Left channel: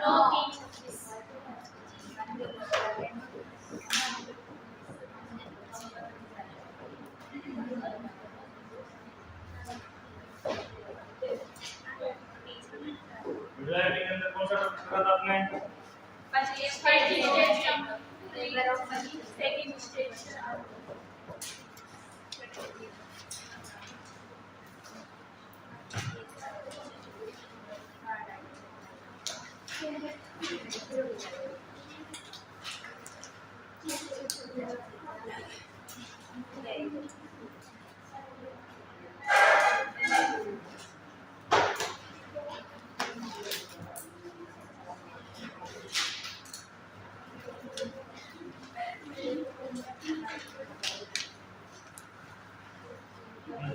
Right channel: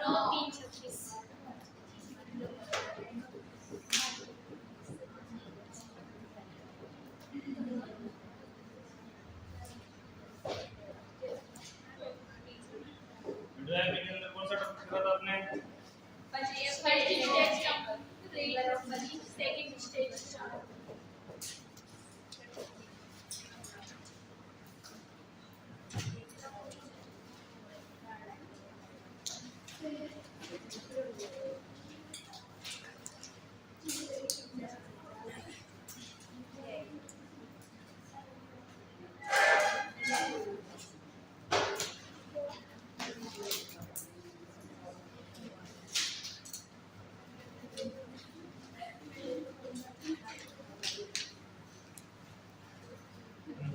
के अंदर कौन सा टॉपिक पढ़ा था आपने? सेकंड स्टेज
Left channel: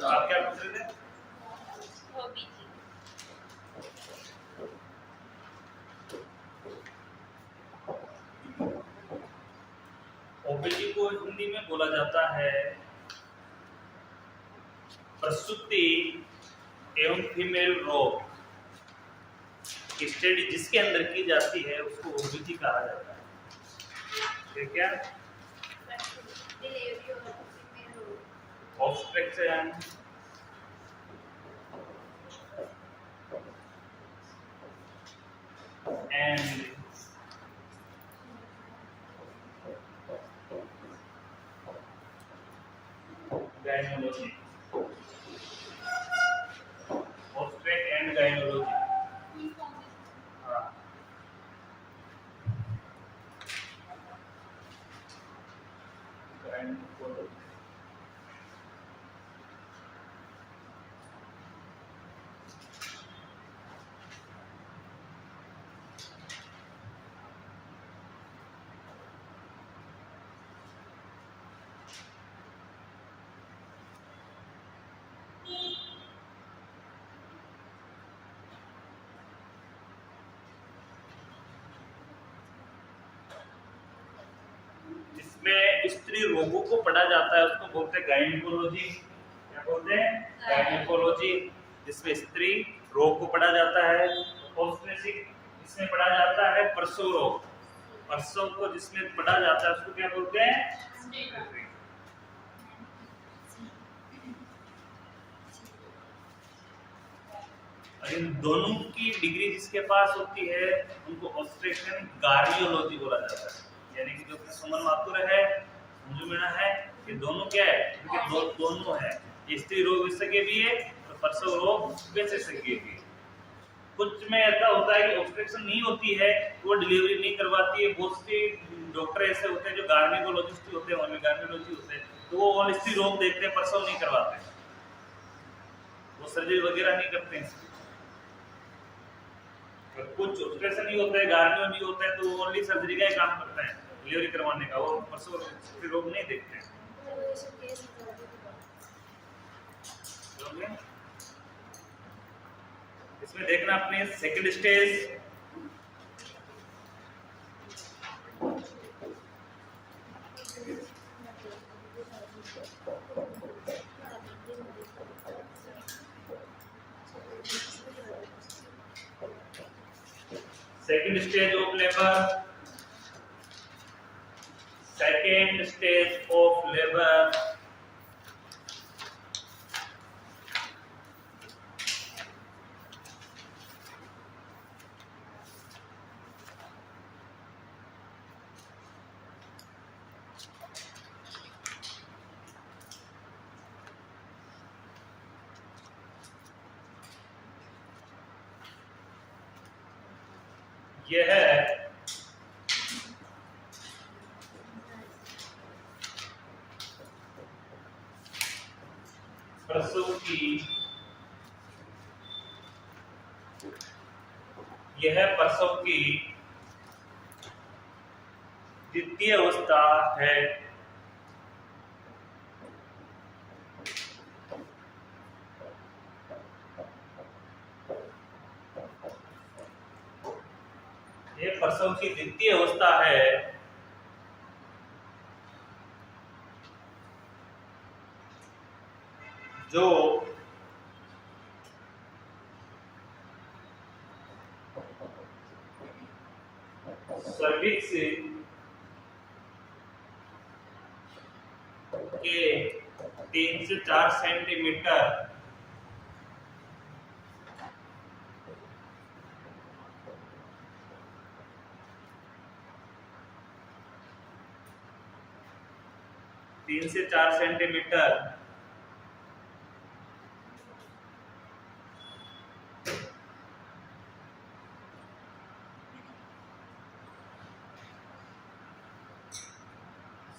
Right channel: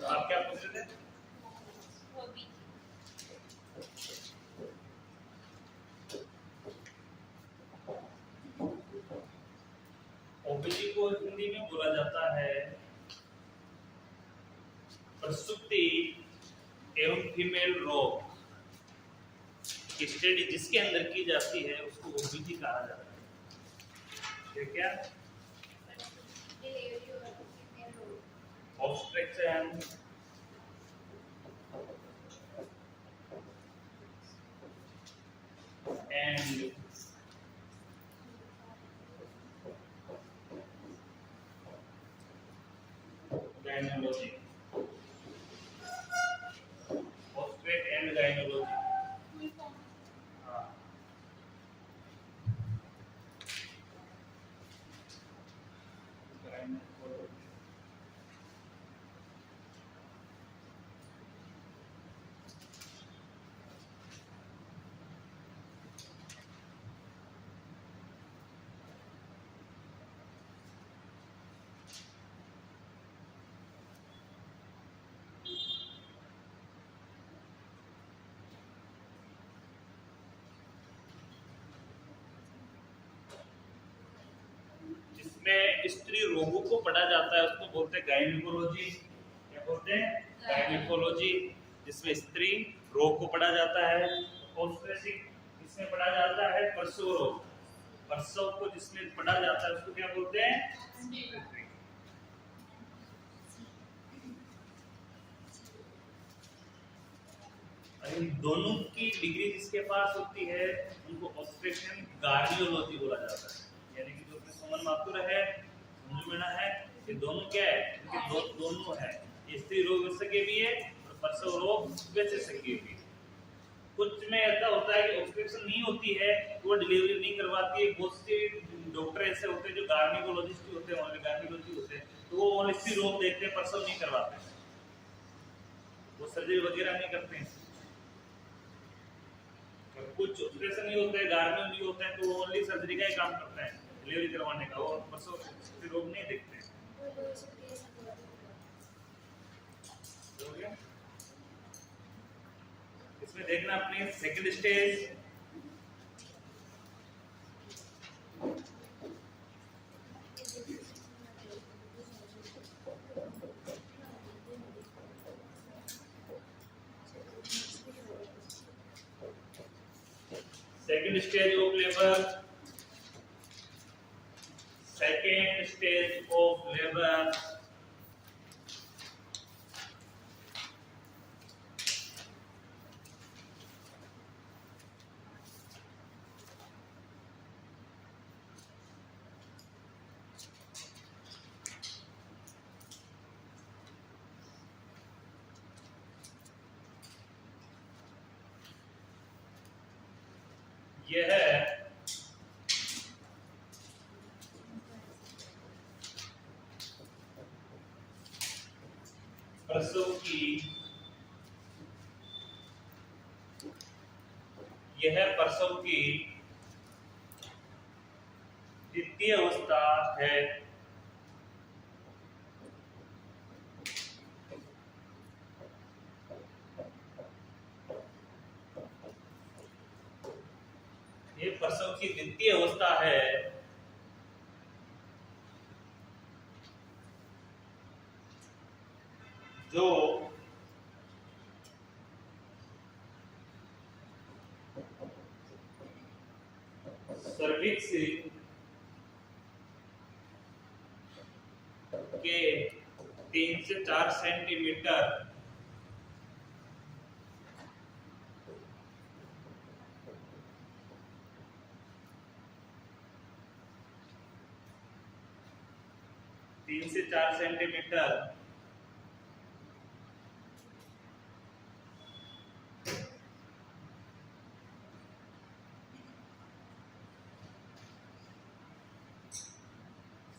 आप क्या पूछ रहे थे? ओबीजी को हिंदी में बोला जाता है प्रसूति एवं फीमेल रोग की स्टडी जिसके अंदर की जाती है उसको ओबीजी कहा जाता है। ठीक है, ऑब्स्ट्रक्शन एंड गायनोलॉजी, ऑब्स्ट्रक्ट एंड गायनोलॉजी। जिसमें स्त्री रोगों को पढ़ा जाता है उसको बोलते हैं गायनिकोलॉजी। क्या बोलते हैं? गायनिकोलॉजी, जिसमें स्त्री रोग को पढ़ा जाता है। ऑब्स्टेट्रिक जिसमें पढ़ा जाता है प्रसव रोग, प्रसव को जिसमें पढ़ा जाता है उसको क्या बोलते हैं? इन दोनों की डिग्री जिसके पास होती है उनको ऑब्स्टेट्रिशियन गार्नियोलॉजी बोला जाता है। यानी कि जो सुमन माथुर है, संजू मीणा है, ये दोनों क्या है? इनके दोनों है। ये स्त्री रोग विशेषज्ञ भी है और प्रसव रोग विशेषज्ञ भी है। कुछ में ऐसा होता है कि ऑब्स्ट्रक्शन नहीं होती है, वो डिलीवरी नहीं करवाती है। बहुत से डॉक्टर ऐसे होते हैं जो गार्निकोलॉजिस्ट होते हैं, ओनली गार्निकोलॉजी होते हैं, तो वो ओनली स्त्री रोग देखते हैं, प्रसव नहीं करवाते, वो सर्जरी वगैरह नहीं करते हैं। कुछ ऑपरेशन नहीं होता है, गार्नियो नहीं होता है, तो वो ओनली सर्जरी का ही काम करते हैं, डिलीवरी करवाने का, वो प्रसव रोग नहीं देखते हैं। इसमें देखना अपने second stage, second stage of labour, second stage of labour. यह है प्रसव की, यह प्रसव की द्वितीय अवस्था है। यह प्रसव की द्वितीय अवस्था है जो सर्विक्स के 3 से 4 सेंटीमीटर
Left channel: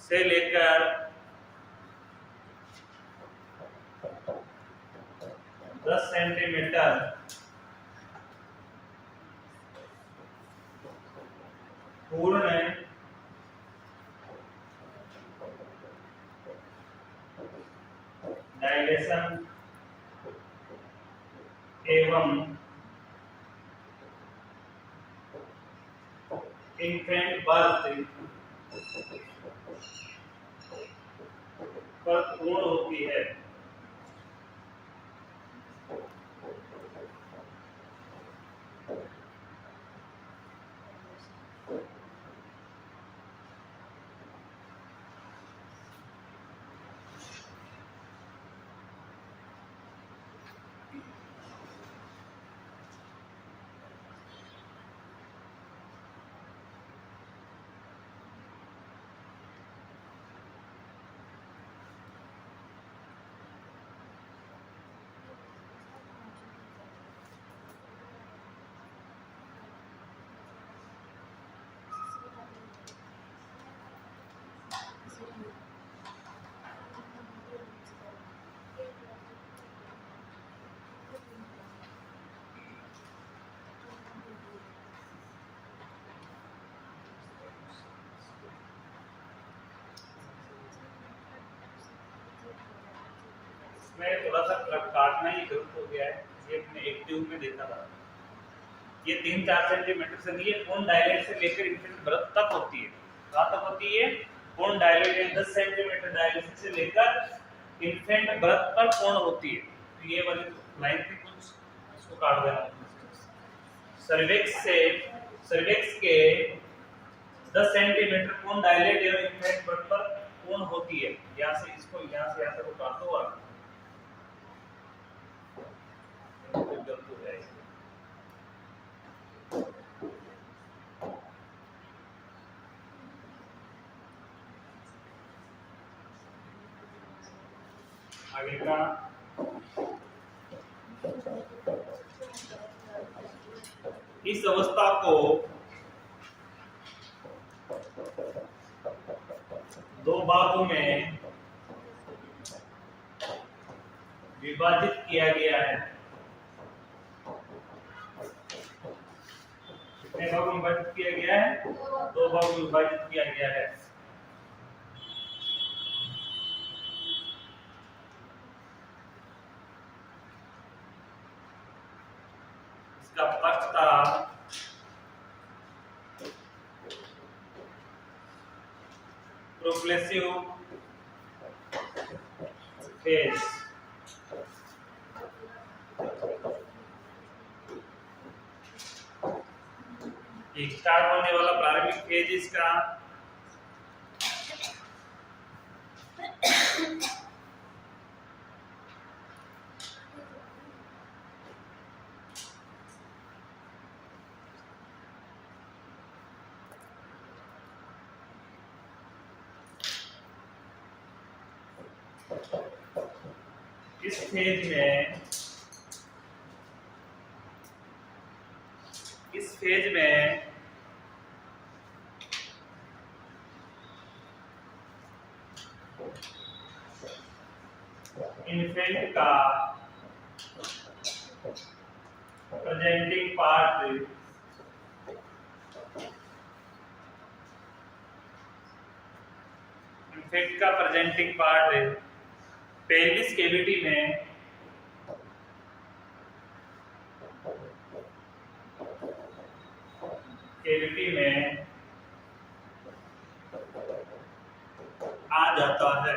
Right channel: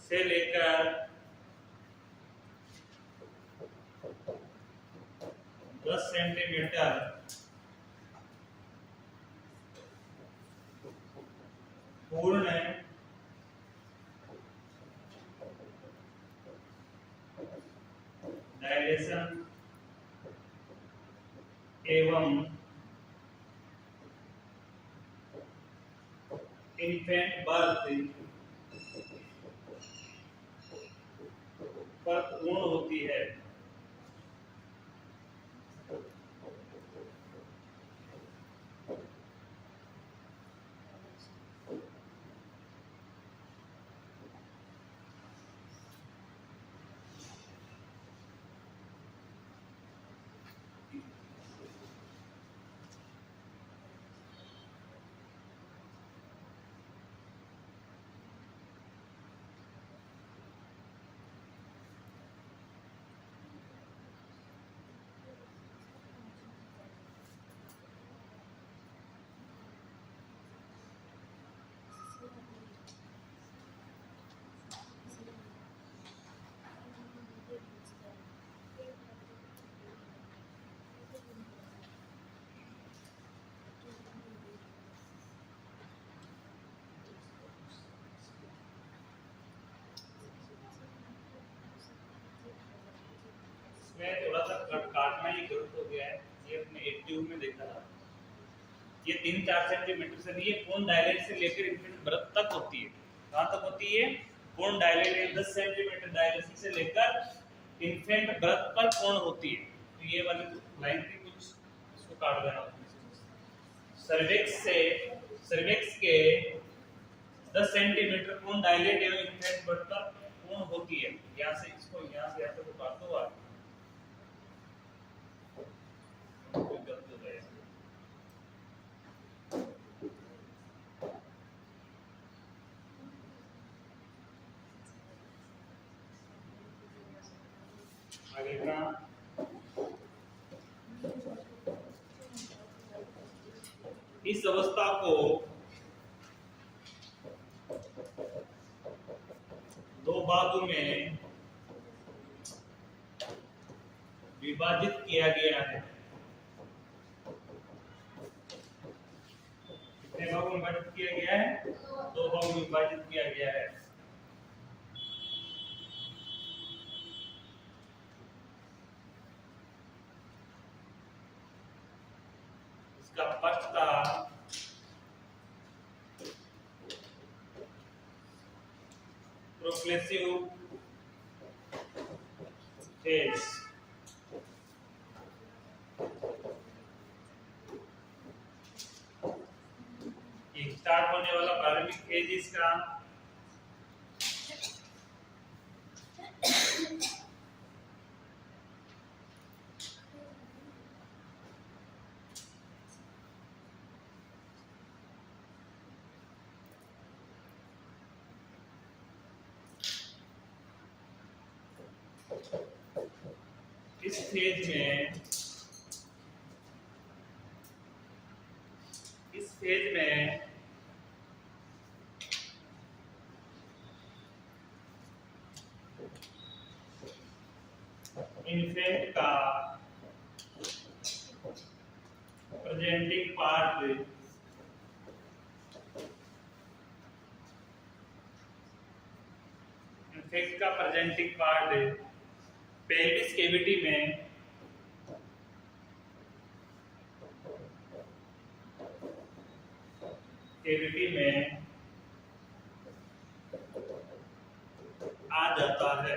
से लेकर 10 सेंटीमीटर पूर्ण डायलेशन एवं इन्फेंट बर्थ पर पूर्ण होती है। इसमें थोड़ा सा काटना ही गलत हो गया है, ये अपने एक्टिव में देखा था। ये 3-4 सेंटीमीटर से नहीं है, पूर्ण डायलेट से लेकर इन्फेंट बर्थ तक होती है। कहाँ तक होती है? पूर्ण डायलेट 10 सेंटीमीटर डायलेट से लेकर इन्फेंट बर्थ तक पूर्ण होती है। तो ये वाली लाइन थी कुछ, इसको काट देना। सर्विक्स के 10 सेंटीमीटर पूर्ण डायलेट एवं इन्फेंट बर्थ पर पूर्ण होती है। यहाँ से इसको यहाँ से यहाँ तक काट दो आप। आगे का इस अवस्था को दो भागों में विभाजित किया गया है। कितने भागों में विभाजित किया गया है? 2 भागों में विभाजित किया गया है। इसका पक्ष था प्रोग्रेसिव फेज, स्टार्ट होने वाला प्रारंभिक फेज इसका इस फेज में इन्फेंट का प्रेजेंटिंग पार्ट पेल्विस कैविटी में आ जाता है।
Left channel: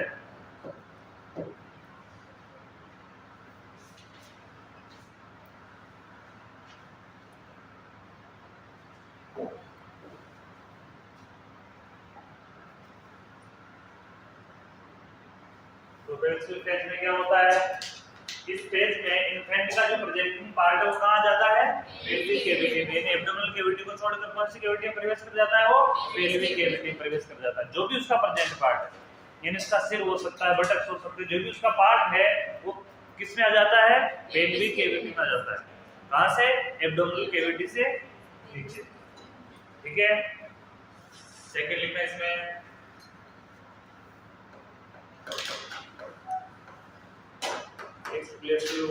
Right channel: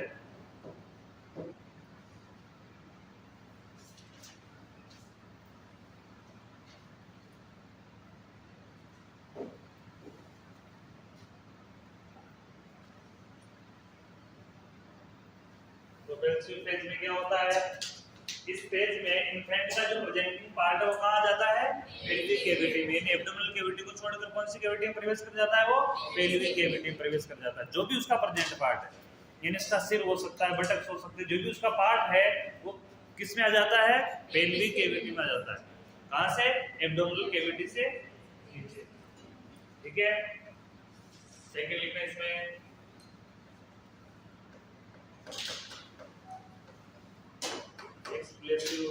पैसिव फेज में क्या होता है, इस फेज में इन्फेंट का जो प्रेजेंटिंग पार्ट है वो कहां जाता है, पेल्विक कैविटी में। यानी एब्डोमिनल कैविटी को छोड़कर कौन सी कैविटी में प्रवेश कर जाता है, वो पेल्विक कैविटी में प्रवेश कर जाता है। जो भी उसका प्रेजेंट पार्ट है, यानी इसका सिर हो सकता है, बटक्स हो सकते हैं, जो भी उसका पार्ट है वो किस में आ जाता है, पेल्विक कैविटी में आ जाता है। कहां से, एब्डोमिनल कैविटी से नीचे। ठीक है, सेकंड लिखना इसमें एक्सप्लेसिव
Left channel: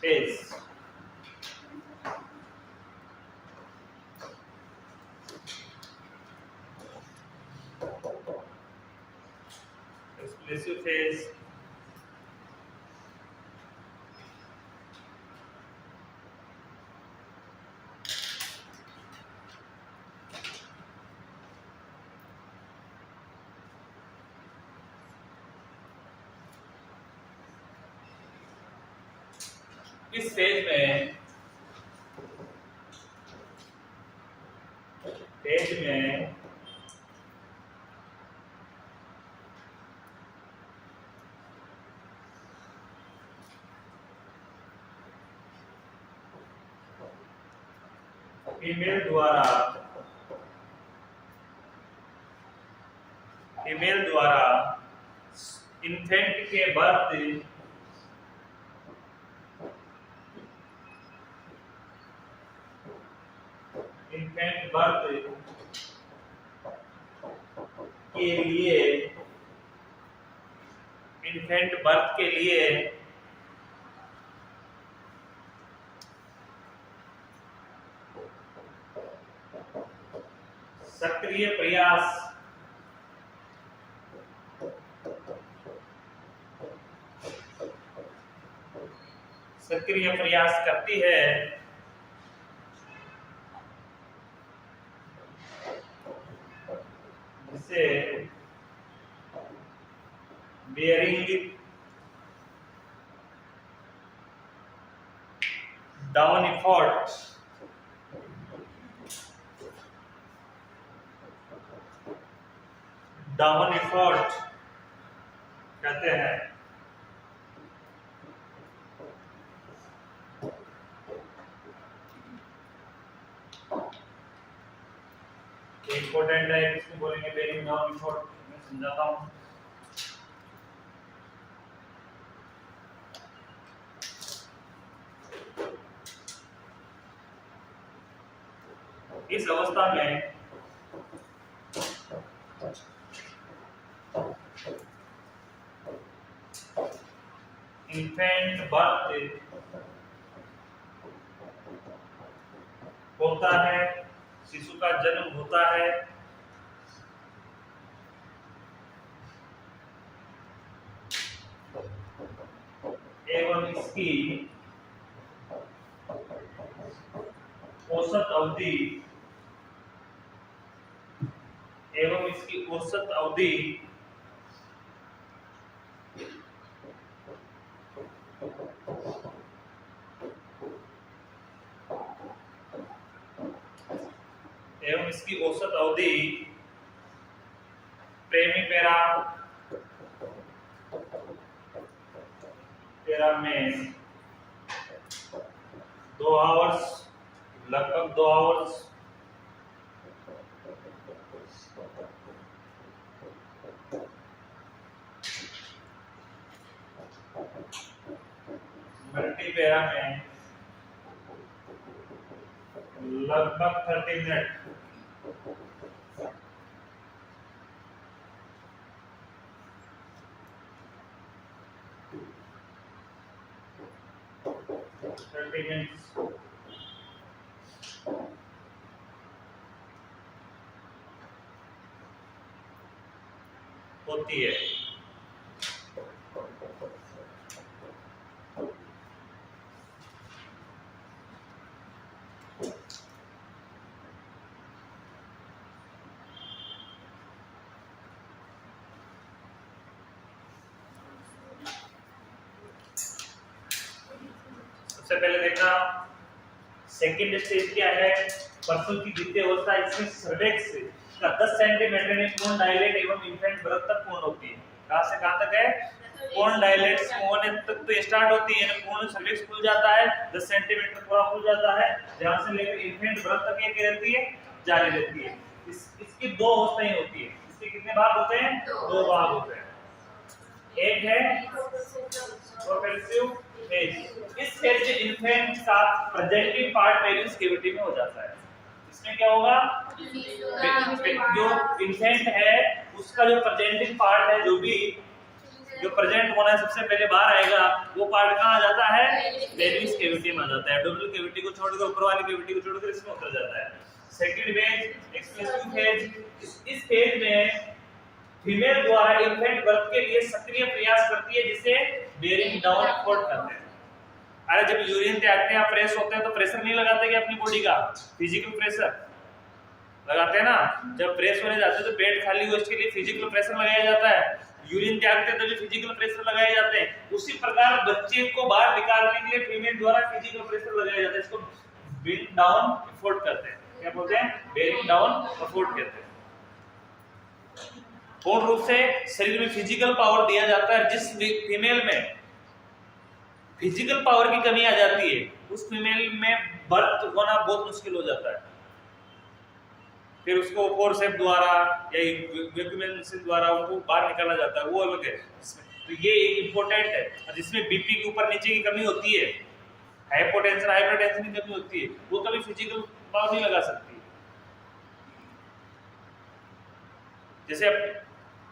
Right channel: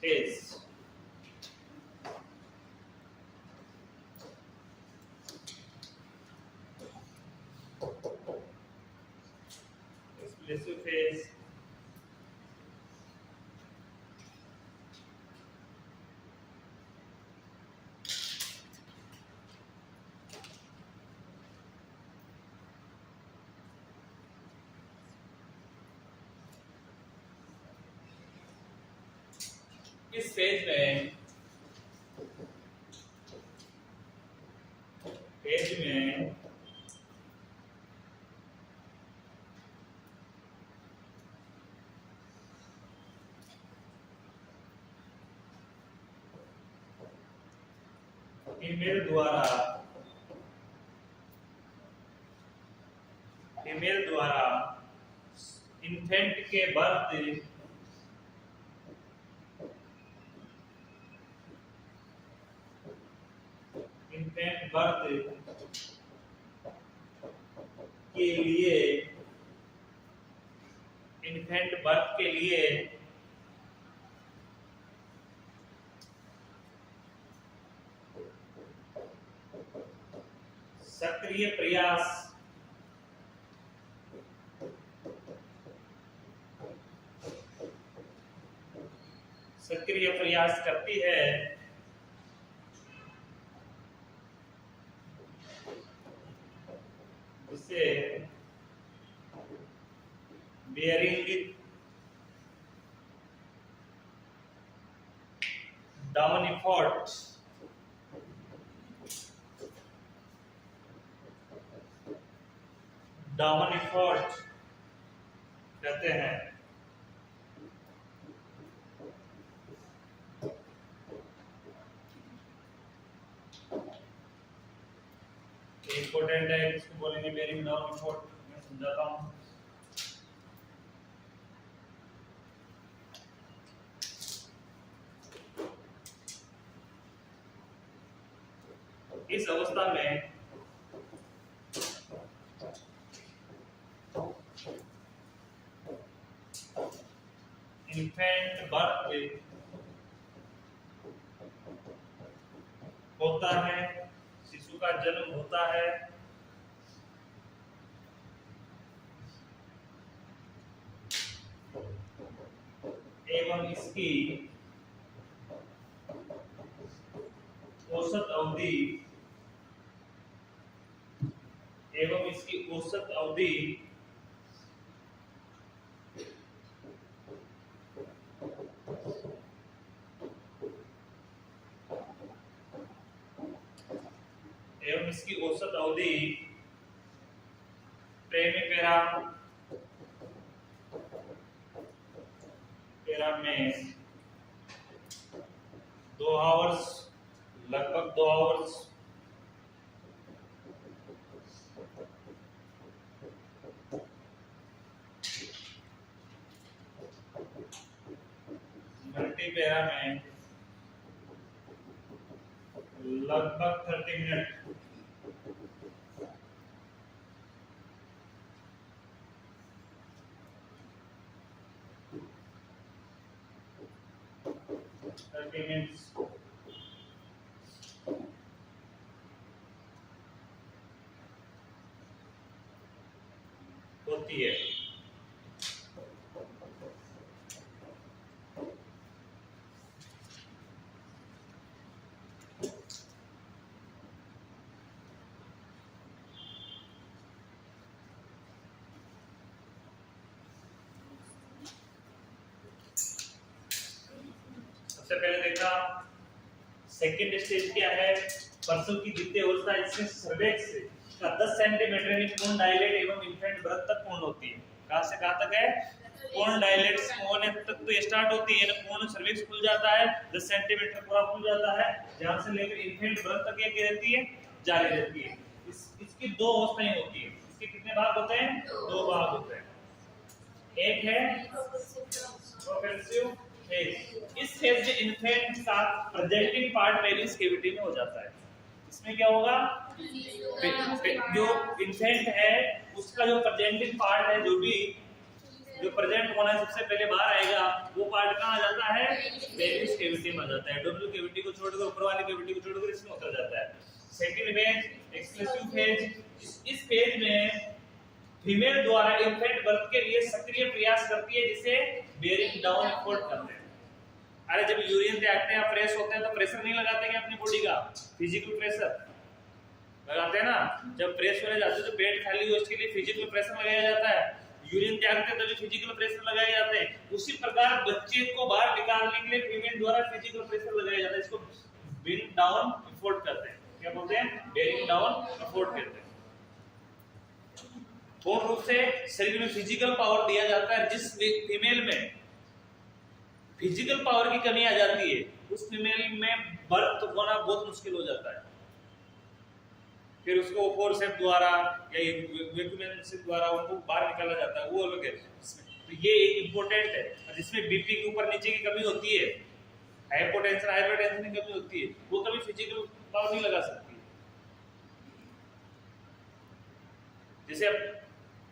फेज। एक्सप्लेसिव फेज इस फेज में फीमेल द्वारा इन्फेंट के बर्थ इन्फेंट बर्थ के लिए सक्रिय प्रयास करती है, जिसे bearing down effort कहते हैं। इंपॉर्टेंट है, इसको बोलेंगे बेरिंग डाउन effort। मैं समझाता हूँ। इस अवस्था में इन्फेंट बर्थ होता है, शिशु का जन्म होता है। एवं इसकी औसत अवधि प्रेमीपेरा में 2 आवर्स, लगभग 2 आवर्स मल्टीपेरा में लगभग 30 मिनट। होती है। सबसे पहले देखा सेकंड स्टेज क्या है, प्रसव की द्वितीय अवस्था, इसमें सर्वेक्स का 10 सेंटीमीटर में पूर्ण डायलेट एवं इन्फेंट बर्थ तक पूर्ण होती है। कहां से कहां तक है? पूर्ण डायलेट्स होने तक तो स्टार्ट होती है, पूर्ण सर्विक्स खुल जाता है, 10 सेंटीमीटर पूरा खुल जाता है, जहां से लेकर इन्फेंट बर्थ तक ये रहती है, जारी रहती है। इसकी दो अवस्थाएं होती है। इसके कितने भाग होते हैं? दो भाग होते हैं। एक है प्रोग्रेसिव फेज। इस फेज में इन्फेंट का प्रेजेंटिंग पार्ट पेरिस कैविटी में हो जाता है। इसमें क्या होगा? जो इन्फेंट है उसका जो प्रेजेंटिंग पार्ट है, जो प्रेजेंट होना है सबसे पहले बाहर आएगा, वो पार्ट कहाँ आ जाता है? पेरिस कैविटी में आ जाता है। एब्डोमिनल कैविटी को छोड़कर, ऊपर वाली कैविटी को छोड़कर इसमें उतर जाता है। Second phase expressive phase. इस फेज में फीमेल द्वारा इन्फेंट बर्थ के लिए सक्रिय प्रयास करती है, जिसे बेयरिंग डाउन एफर्ट कहते हैं। अरे जब यूरिन त्यागते हैं, फ्रेश होते हैं, तो प्रेशर नहीं लगाते कि अपनी बॉडी का फिजिकल प्रेशर लगाते हैं ना। जब फ्रेश होने जाते हैं तो पेट खाली हो, इसके लिए फिजिकल प्रेशर लगाया जाता है। यूरिन त्यागते हैं तो भी फिजिकल प्रेशर लगाए जाते हैं। उसी प्रकार बच्चे को बाहर निकालने के लिए फीमेल द्वारा फिजिकल प्रेशर लगाया जाता है। इसको बेयरिंग डाउन एफर्ट कहते हैं। क्या बोलते हैं? बेयरिंग डाउन एफर्ट कहते हैं। पूर्ण रूप से शरीर में फिजिकल पावर दिया जाता है। जिस फीमेल में फिजिकल पावर की कमी आ जाती है, उस फीमेल में बर्थ होना बहुत मुश्किल हो जाता है। फिर उसको फोरसेप द्वारा या वैक्यूमेशन द्वारा उनको बाहर निकाला जाता है, वो अलग है। तो ये इंपॉर्टेंट है। जिसमें बीपी के ऊपर नीचे की कमी होती है, हाइपोटेंशन हाइपरटेंशन की कमी होती है, वो कभी फिजिकल पावर नहीं लगा सकती। जैसे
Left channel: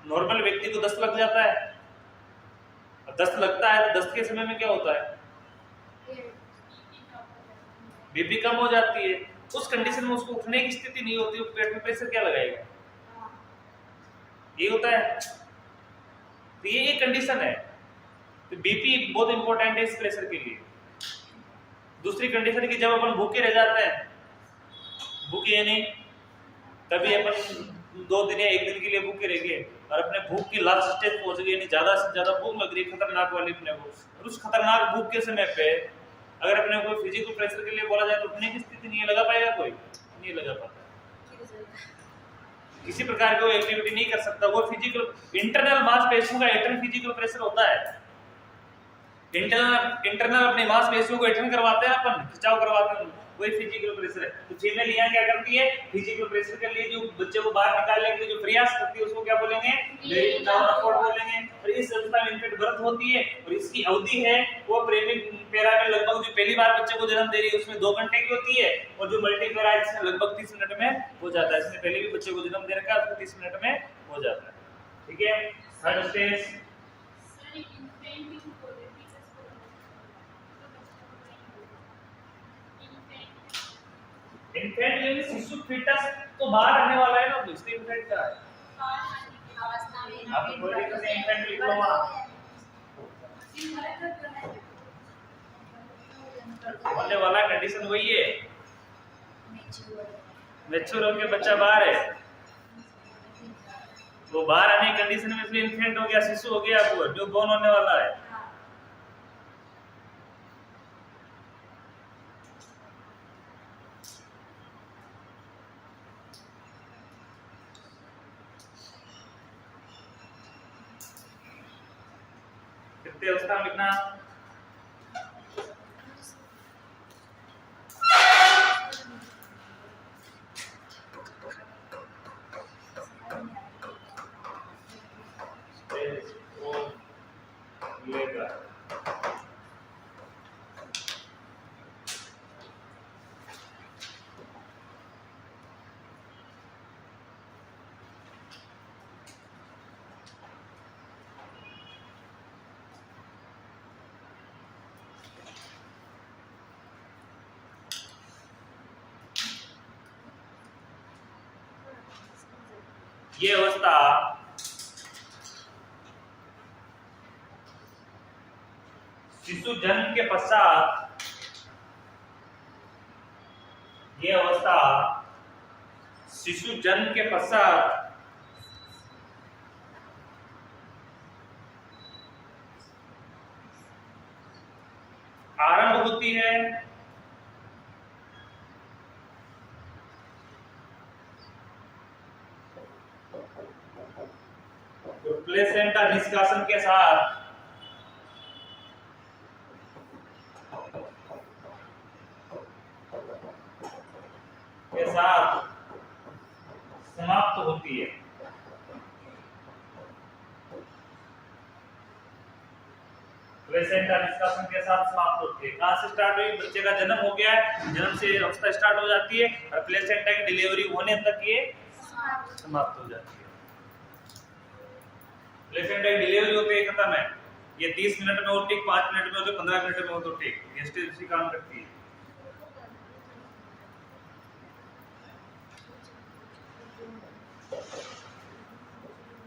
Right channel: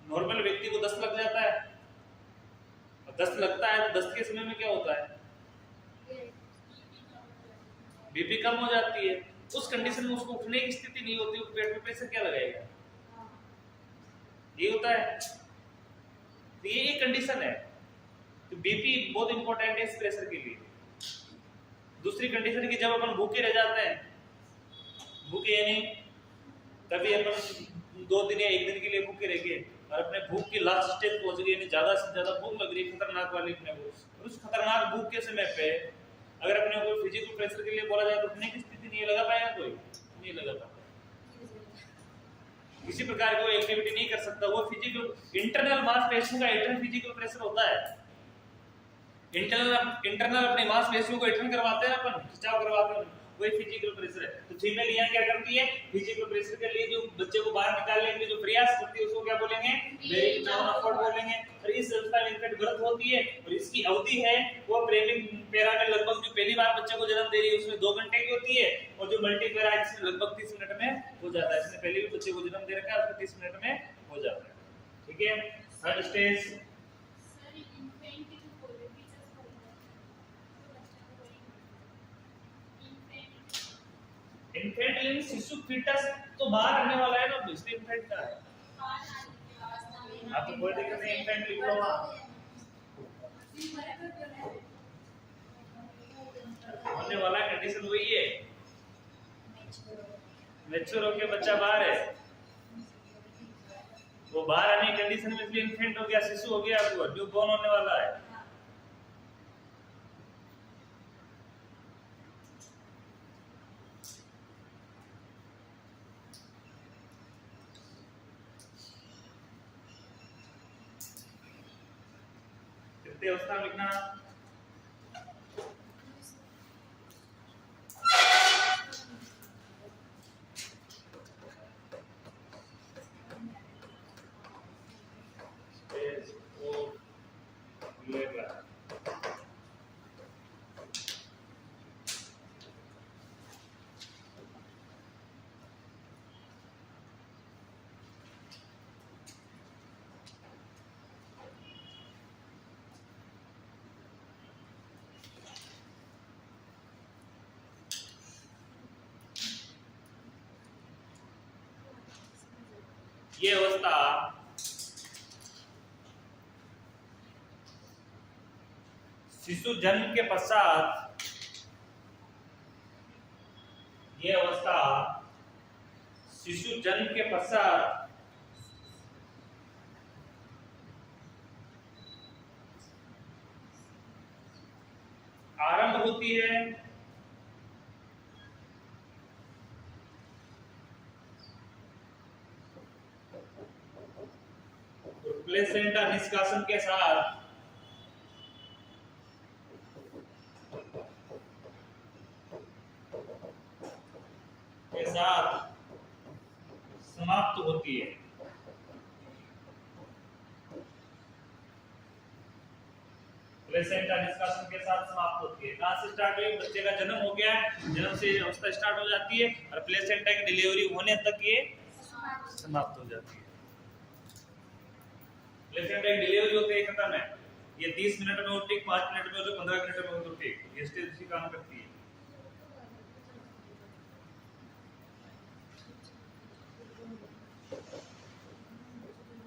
नॉर्मल व्यक्ति को दस्त लग जाता है, दस्त लगता है तो दस्त के समय में क्या होता है? बीपी कम हो जाती है। उस कंडीशन में उसको उठने की स्थिति नहीं होती, पेट में प्रेशर क्या लगाएगा? ये होता है। तो ये एक कंडीशन है। तो बीपी बहुत इंपॉर्टेंट है इस प्रेशर के लिए। दूसरी कंडीशन की जब अपन भूखे रह जाते हैं, भूखे यानी कभी अपन 2 दिन या 1 दिन के लिए भूखे रह गए और अपने भूख की लास्ट स्टेज पहुंच गए, यानी ज्यादा से ज्यादा भूख लग रही, खतरनाक वाली अपने को, और उस खतरनाक भूख के समय पे अगर अपने को फिजिकल प्रेशर के लिए बोला जाए तो उठने की स्थिति नहीं लगा पाएगा, कोई नहीं लगा पाता, किसी प्रकार की एक्टिविटी नहीं कर सकता। वो फिजिकल इंटरनल मांसपेशियों का इंटरनल फिजिकल प्रेशर होता है। इंटरनल अपनी मांसपेशियों को एक्शन करवाते हैं, अपन खिंचाव करवाते हैं, वही फिजिकल प्रेशर है। तो फीमेल यहाँ क्या करती है? फिजिकल प्रेशर के लिए जो बच्चे को बाहर निकालने के लिए जो प्रयास करती है, उसको क्या बोलेंगे? बेयरिंग डाउन एफर्ट बोलेंगे। और इस अवस्था में इन्फेंट बर्थ होती है और इसकी अवधि है वो प्रेमिक पैरा में लगभग जो पहली बार बच्चे को जन्म दे रही है उसमें 2 घंटे की होती है, और जो मल्टीपेरा है इसमें लगभग 30 मिनट में हो जाता है। इसने पहले भी बच्चे को जन्म दे रखा है, उसको 30 मिनट में हो जाता है। ठीक है। थर्ड स्टेज इन्फेंट यानी शिशु फीटस तो बाहर आने वाला है ना, इसलिए इन्फेंट क्या है? आप तो बोल रहे थे इन्फेंट लिख लो वहां, होने वाला कंडीशन वही है, मैच्योर होके बच्चा बाहर है, वो बाहर आने की कंडीशन में इसलिए इन्फेंट हो गया, शिशु हो गया, वो जो बोर्न होने वाला है। अवस्था में लिखना ये अवस्था शिशु जन्म के पश्चात, ये अवस्था शिशु जन्म के पश्चात आरंभ होती है। प्लेसेंटा निष्कासन के साथ समाप्त होती है। प्लेसेंटा निष्कासन के साथ समाप्त होती है। कहां से स्टार्ट हुई? बच्चे का जन्म हो गया है, जन्म से अवस्था स्टार्ट हो जाती है और प्लेसेंटा की डिलीवरी होने तक ये समाप्त हो जाती है। प्लेसेंटा की डिलीवरी होती है, खत्म है। ये 30 मिनट में हो ठीक, 5 मिनट में हो तो 15 मिनट में हो तो ठीक, ये स्टेज उसी काम करती है।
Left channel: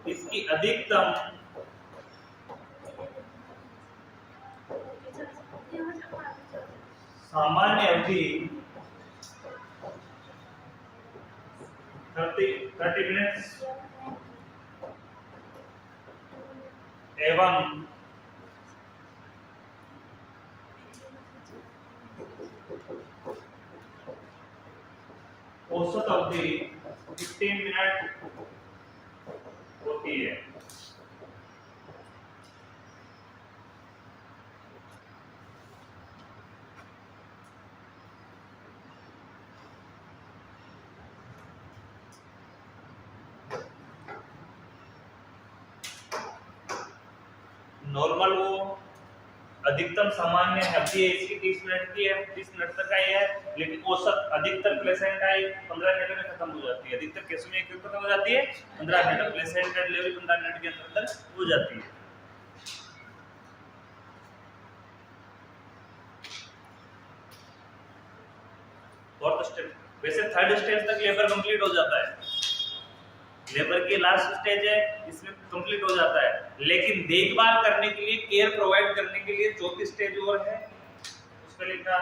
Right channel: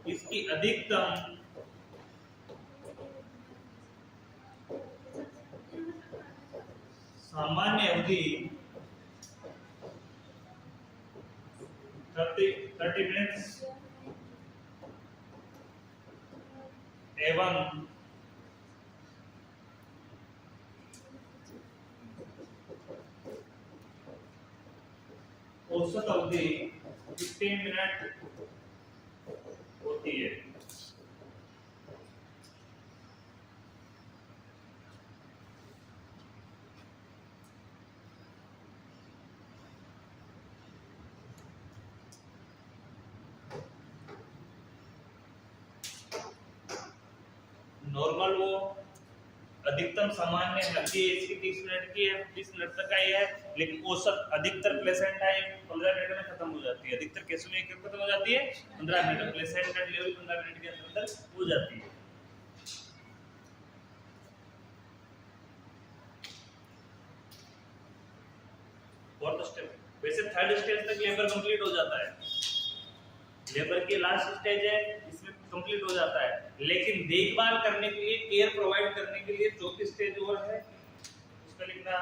इसकी अधिकतम सामान्य अवधि 30 मिनट्स एवं औसत अवधि 15 मिनट होती है। नॉर्मल वो अधिकतम सामान्य अवधि है इसकी 30 मिनट की है, 30 मिनट तक का है, लेकिन औसत अधिकतर प्लेसेंटा 15 मिनट में खत्म हो जाती है। अधिकतर केस में क्यों खत्म हो जाती है? 15 मिनट प्लेसेंटा डिलीवरी 15 मिनट के अंदर हो जाती है। फोर्थ स्टेप, वैसे थर्ड स्टेज तक लेबर कंप्लीट हो जाता है, लेबर की लास्ट स्टेज है, इसमें कंप्लीट हो जाता है, लेकिन देखभाल करने के लिए, केयर प्रोवाइड करने के लिए चौथी स्टेज और है, उसमें लिखा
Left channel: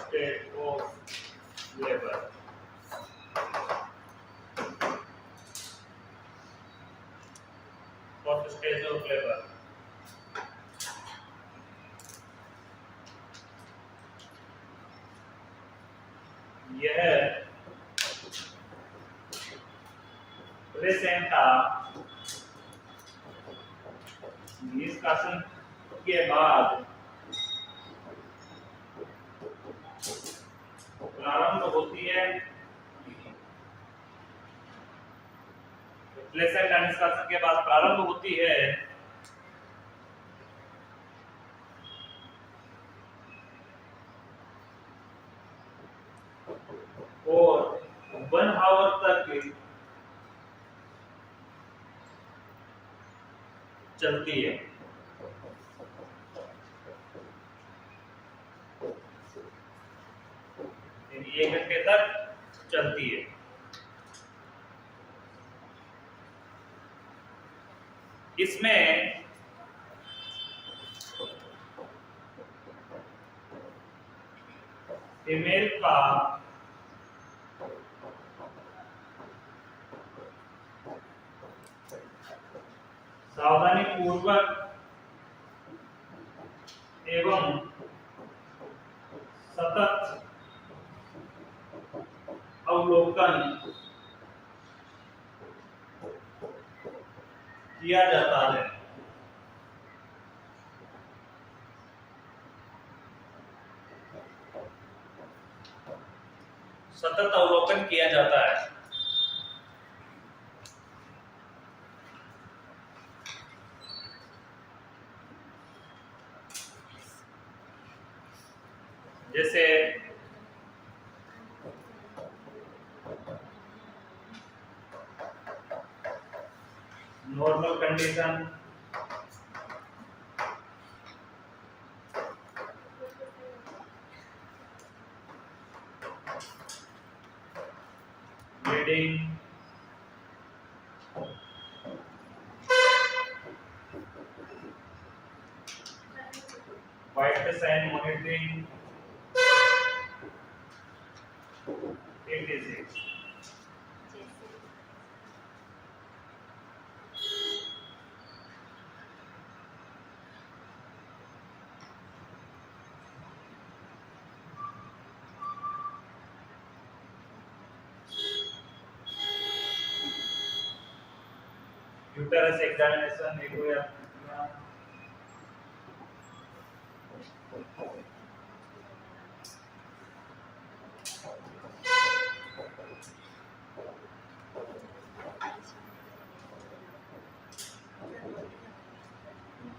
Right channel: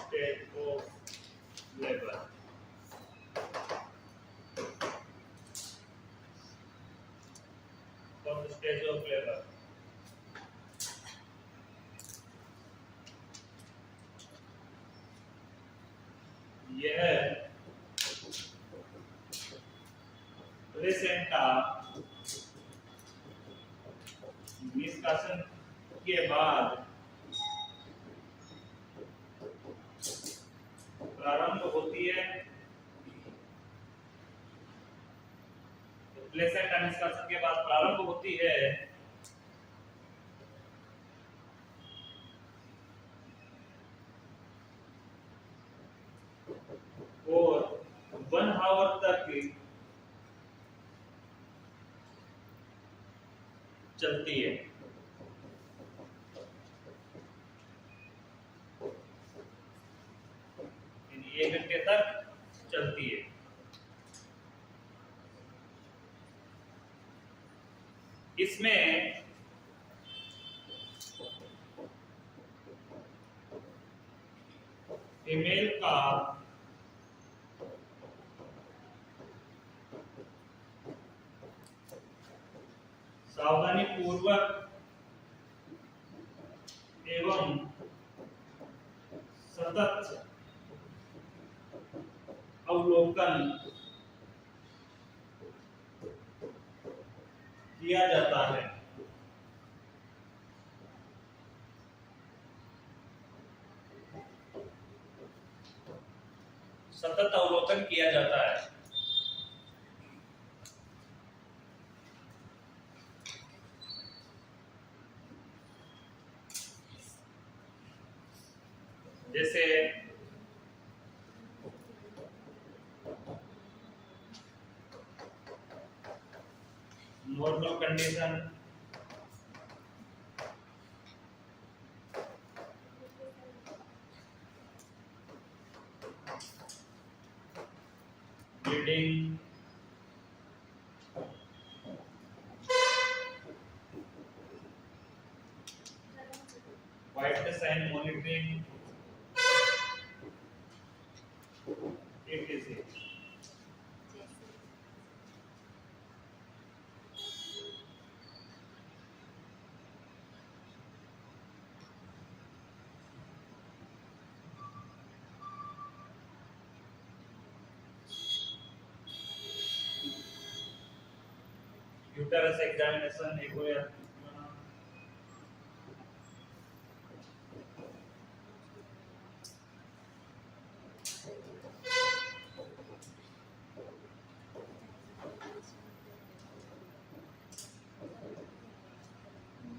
stage of labour. Fourth stage of labour, यह प्लेसेंटा निष्कासन के बाद प्रारंभ होती है। प्लेसेंटा निष्कासन के बाद प्रारंभ होती है और 1 आवर तक चलती है। यानी 1 घंटे तक चलती है। इसमें फीमेल का सावधानी पूर्वक एवं सतत अवलोकन किया जाता है। सतत अवलोकन किया जाता है। जैसे normal condition, bleeding, vital sign monitoring, etc. Uterus examination लिखो या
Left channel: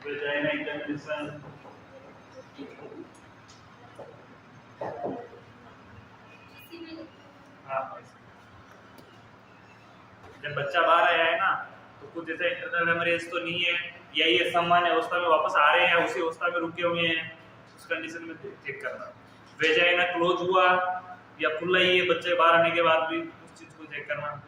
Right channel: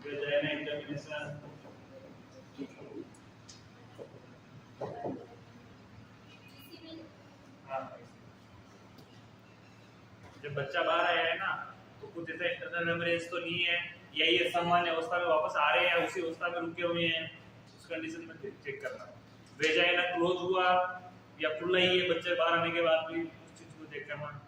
वेजाइना एग्जामिनेशन जब बच्चा बाहर आया है ना तो कुछ ऐसा इंटरनल हेमरेज तो नहीं है या ये सामान्य अवस्था में वापस आ रहे हैं या उसी अवस्था में रुके हुए हैं, उस कंडीशन में चेक करना। वेजाइना क्लोज हुआ या खुला ही है बच्चे बाहर आने के बाद भी, उस चीज को चेक करना।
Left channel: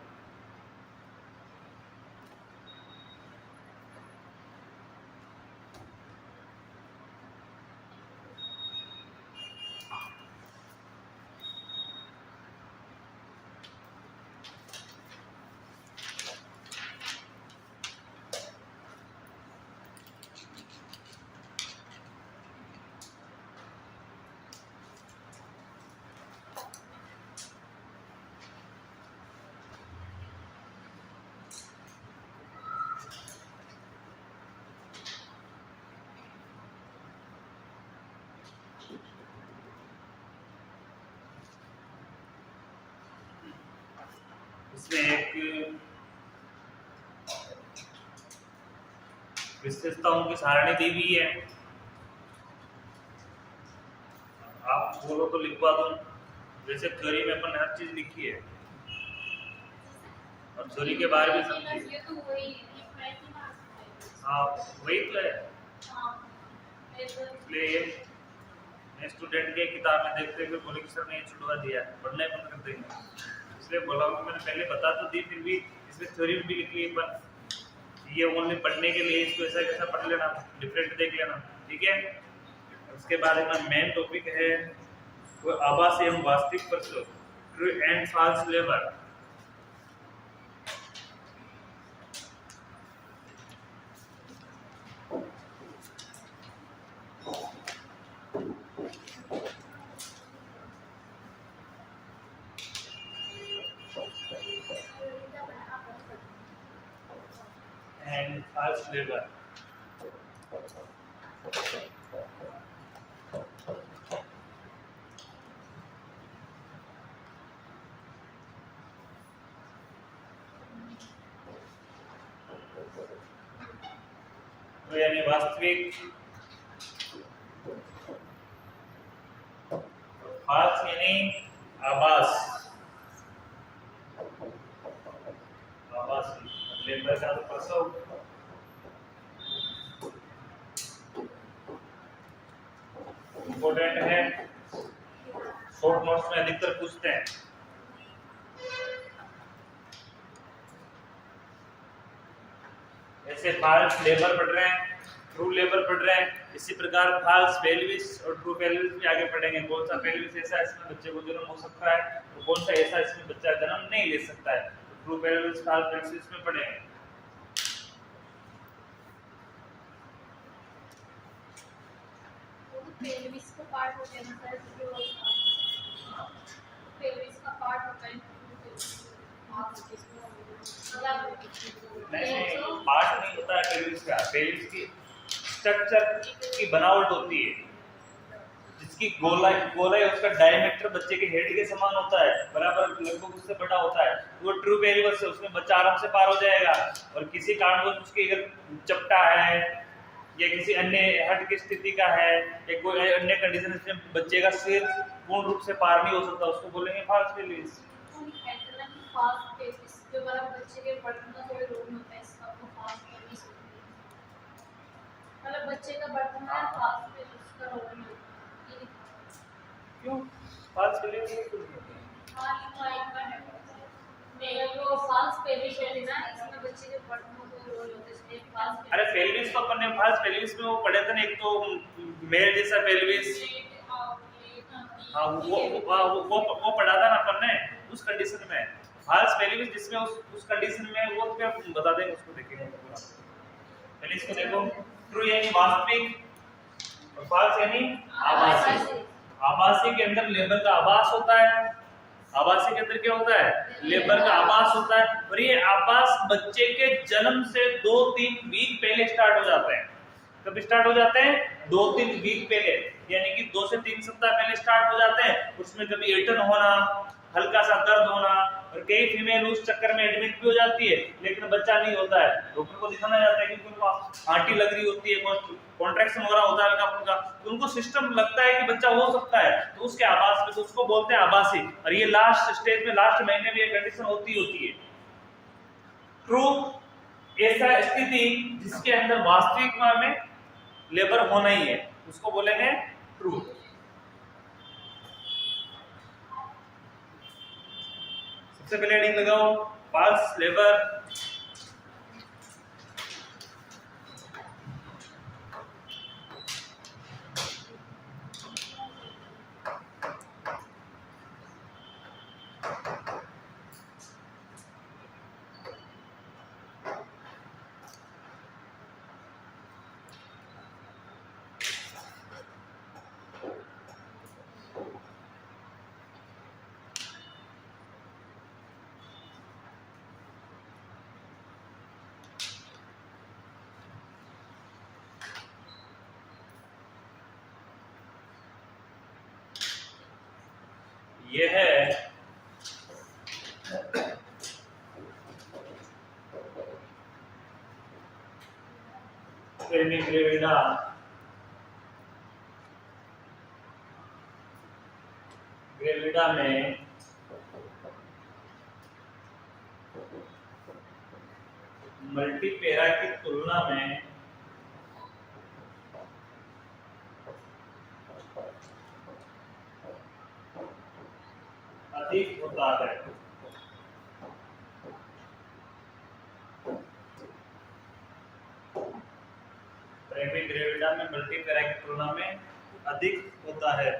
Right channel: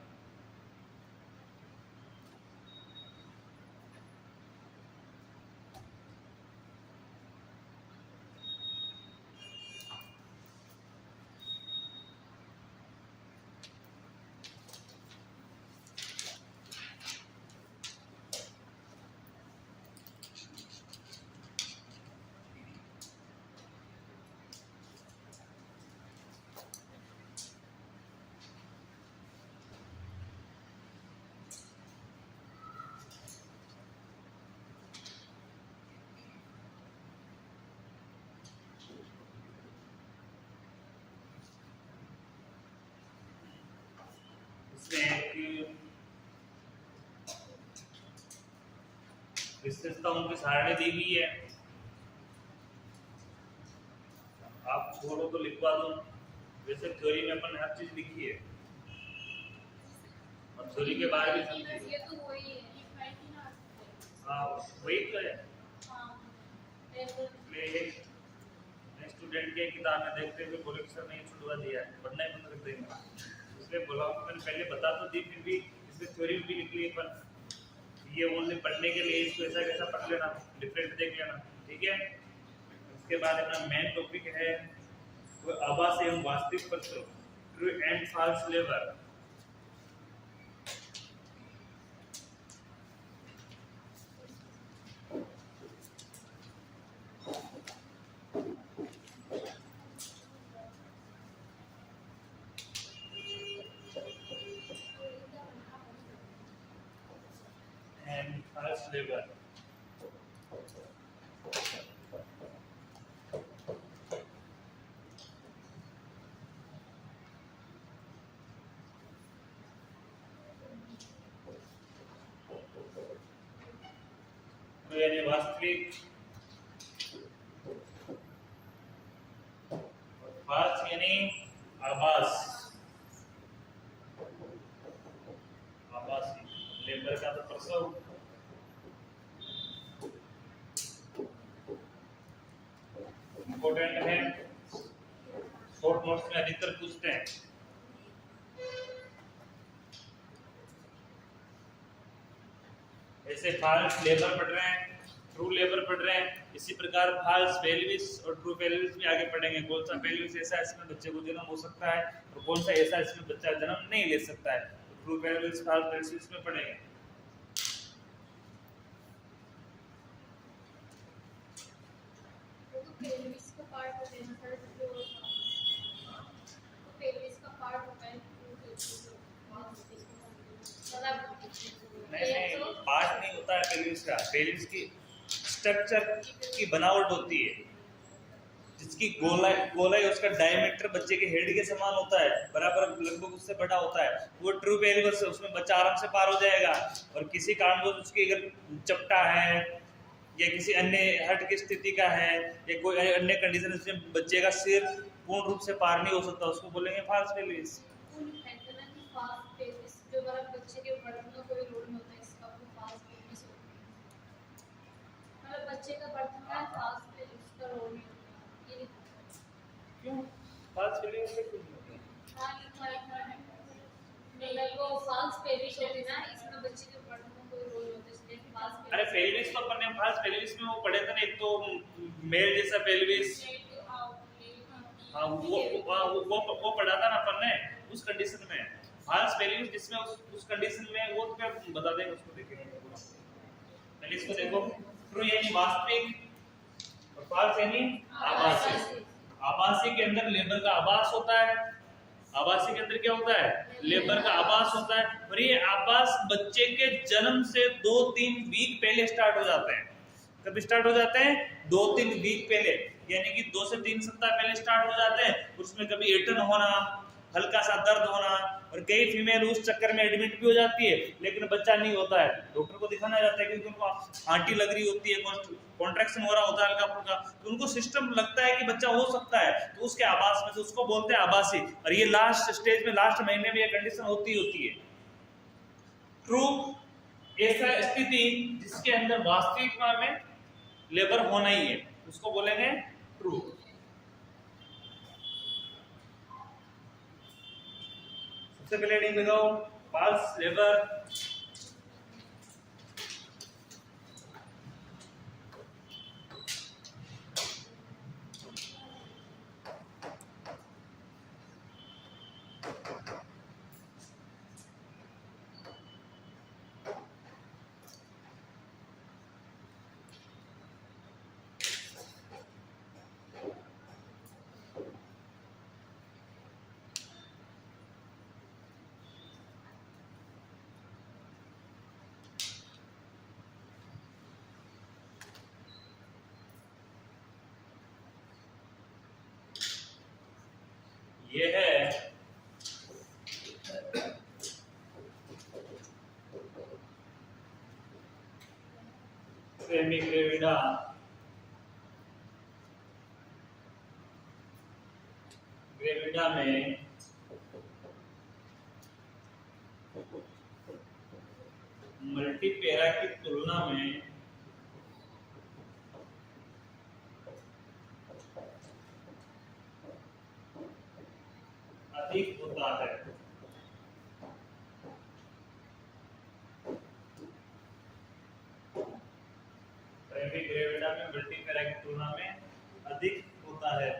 इसमें एक विशेषताओं की सारणी दी हुई है, आप बोलो तो लिखवा दो। वैसे थ्योरी में अपन हर चीज लिखी है और थ्योरी के बारे में समझिए। हाँ वही तो है, इसलिए मैं स्टूडेंट के किताब में देखते हुए बोले कि सर ने ये छुड़वा दिया, पढ़ना ही बंद कर देंगे, इसलिए बोला कि मैंने पहले बता तो दी, फिर भी इसमें थ्योरी भी लिख ली पर ये ओनली पढ़ने के लिए इसको ऐसा कैसा पढ़ लेना, डिफरेंट देख लेना, ठीक है। उसके बाद अपना मेन टॉपिक है वो आभासी एवं वास्तविक प्रश्न, true and false labour. And false labour यानी वास्तविक, फॉल्स यानी आभास, आभासी लेबर का तो प्रसव। इम्पोर्टेंट है, शॉर्ट नोट्स में अधिकतर पूछते हैं। ऐसे फॉल्स लेबर पढ़ रहे हैं, ट्रू लेबर पढ़ रहे हैं, इसी प्रकार फॉल्स पेल्विस और ट्रू पेल्विस भी आगे पढ़ेंगे। कौन सा पेल्विस ऐसा है इसमें बच्चे को जन्म हो सकता है और कौन सा ऐसा इसमें बच्चा जन्म नहीं ले सकता है, ट्रू पेल्विस फॉल्स पेल्विस में पढ़ेंगे। पेल्विस का पार्ट होता है ना सर, जो पेल्विस का पार्ट होता है, नहीं पार्ट नहीं होता है पेल्विस का, पेल्विस की स्ट्रक्चर की बनावट होती है, जिसकी गोलाई उसका डायमीटर बच्चे के हेड के समान होता है, बराबर लगभग उससे बड़ा होता है, वो ट्रू पेल्विस है, उसमें बच्चा आराम से पार हो जाएगा। और किसी कारणवश उसकी अगर चपटा है या किसी अन्य हट की स्थिति का है या कोई अन्य कंडीशन में बच्चे का सिर पूर्ण रूप से पार नहीं हो सकता, उसको बोलेंगे फॉल्स पेल्विस। जो हमारा बच्चे के बढ़ना कोई रोग नहीं होता है, इसका फॉल्स पेल्विस मतलब बच्चे का बढ़ना है, फॉल्स पेल्विस का रोग नहीं होता। ये क्यों फॉल्स पेल्विस? हां नहीं वो फॉल्स पेल्विस होती ना, इसमें बच्चे के बढ़ना कोई रोग नहीं होता, इसलिए फॉल्स। अरे पेल्विस तो अपन ने फॉल्स पेल्विस में वो पढ़े थे ना, एक तो मेल जैसा पेल्विस, हाँ वो पढ़ा था ना अपन ने उस कंडीशन में। फॉल्स पेल्विस जिसमें उस कंडीशन में वो क्या बता देंगे, उसको देखेंगे पूरा। पहले इसको देखो, ट्रू यानी वास्तविक और फॉल्स यानी आभासी। आभासी के अंदर लेबर का आभास होता है आवासीय के अंदर क्या होता है? लेबर का आवास होता है, और ये आवास बच्चे के जन्म से 2-3 वीक पहले स्टार्ट हो जाता है। कब स्टार्ट हो जाते हैं? 2-3 वीक पहले, यानी कि 2 से 3 सप्ताह पहले स्टार्ट हो जाते हैं। उसमें कभी एटन होना, हल्का सा दर्द होना, और कई फीमेल उस चक्कर में एडमिट भी हो जाती है, लेकिन बच्चा नहीं होता है। डॉक्टर को दिखाना जाता है क्योंकि उनको हार्टी लग रही होती है, कॉन्ट्रैक्शन हो रहा होता है हल्का फुल्का, तो उनको सिस्टम लगता है कि बच्चा हो सकता है, तो उसके आवास में, तो उसको बोलते हैं आवासी। और ये लास्ट स्टेज में, लास्ट महीने में ये कंडीशन होती है। ट्रू, ऐसा स्थिति जिसके अंदर वास्तविक में लेबर होना ही है, उसको बोलेंगे ट्रू। सबसे पहले हेडिंग लगाओ फॉल्स लेबर। ये है ग्रेविडा, ग्रेविडा में मल्टीपेरा की तुलना में अधिक होता है। प्राइमरी ग्रेविडा में मल्टीपेरा की तुलना में अधिक होता है।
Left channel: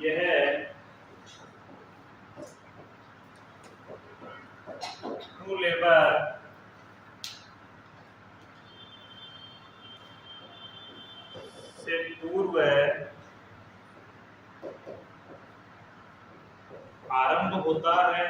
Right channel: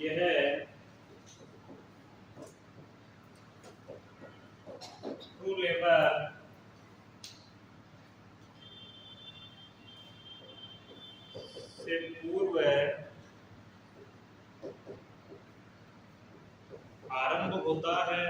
यह है ट्रू लेबर से पूर्व आरंभ होता है।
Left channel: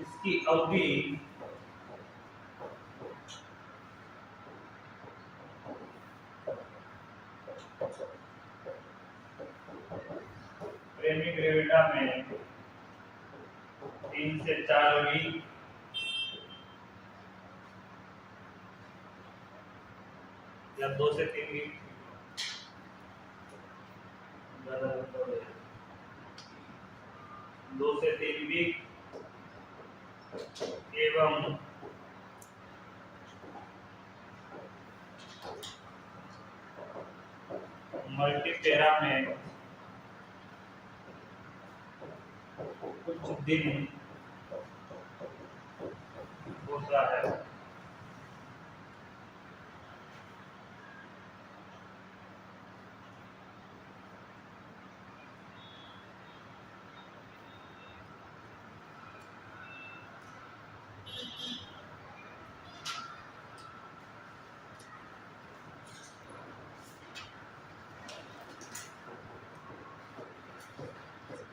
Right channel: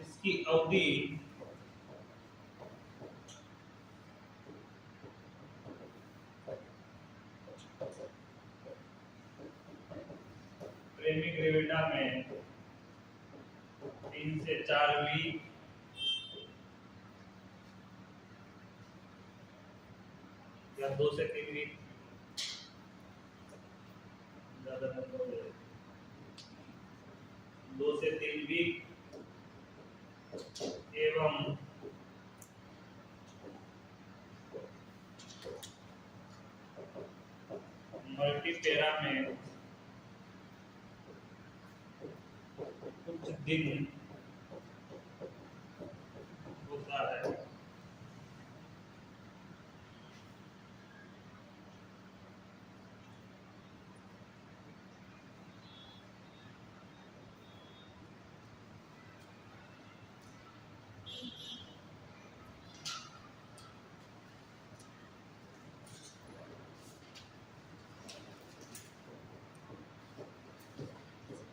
इसकी अवधि प्रेमी ग्रेविडा में 3 से 4 वीक या 2 से 3 वीक, 2 से 3 वीक एवं मल्टीपेरा में कुछ दिन होता है।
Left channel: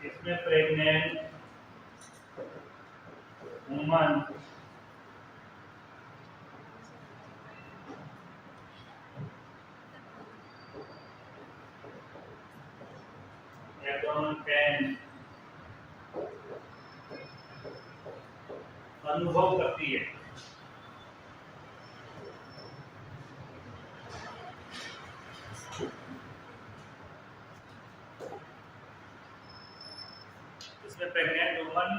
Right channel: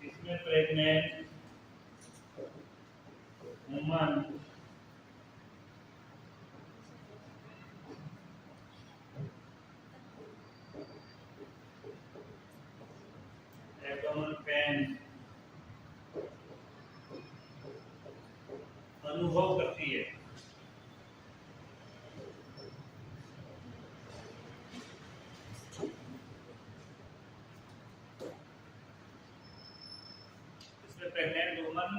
इसमें प्रेग्नेंट वुमन एब्डोमेन पेन अनुभव करती है। इसमें प्रेग्नेंट वुमन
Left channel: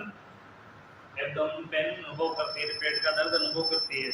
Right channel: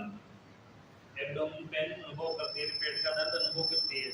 एब्डोमेन पेन अनुभव करती है, पेट का दर्द अनुभव करती है।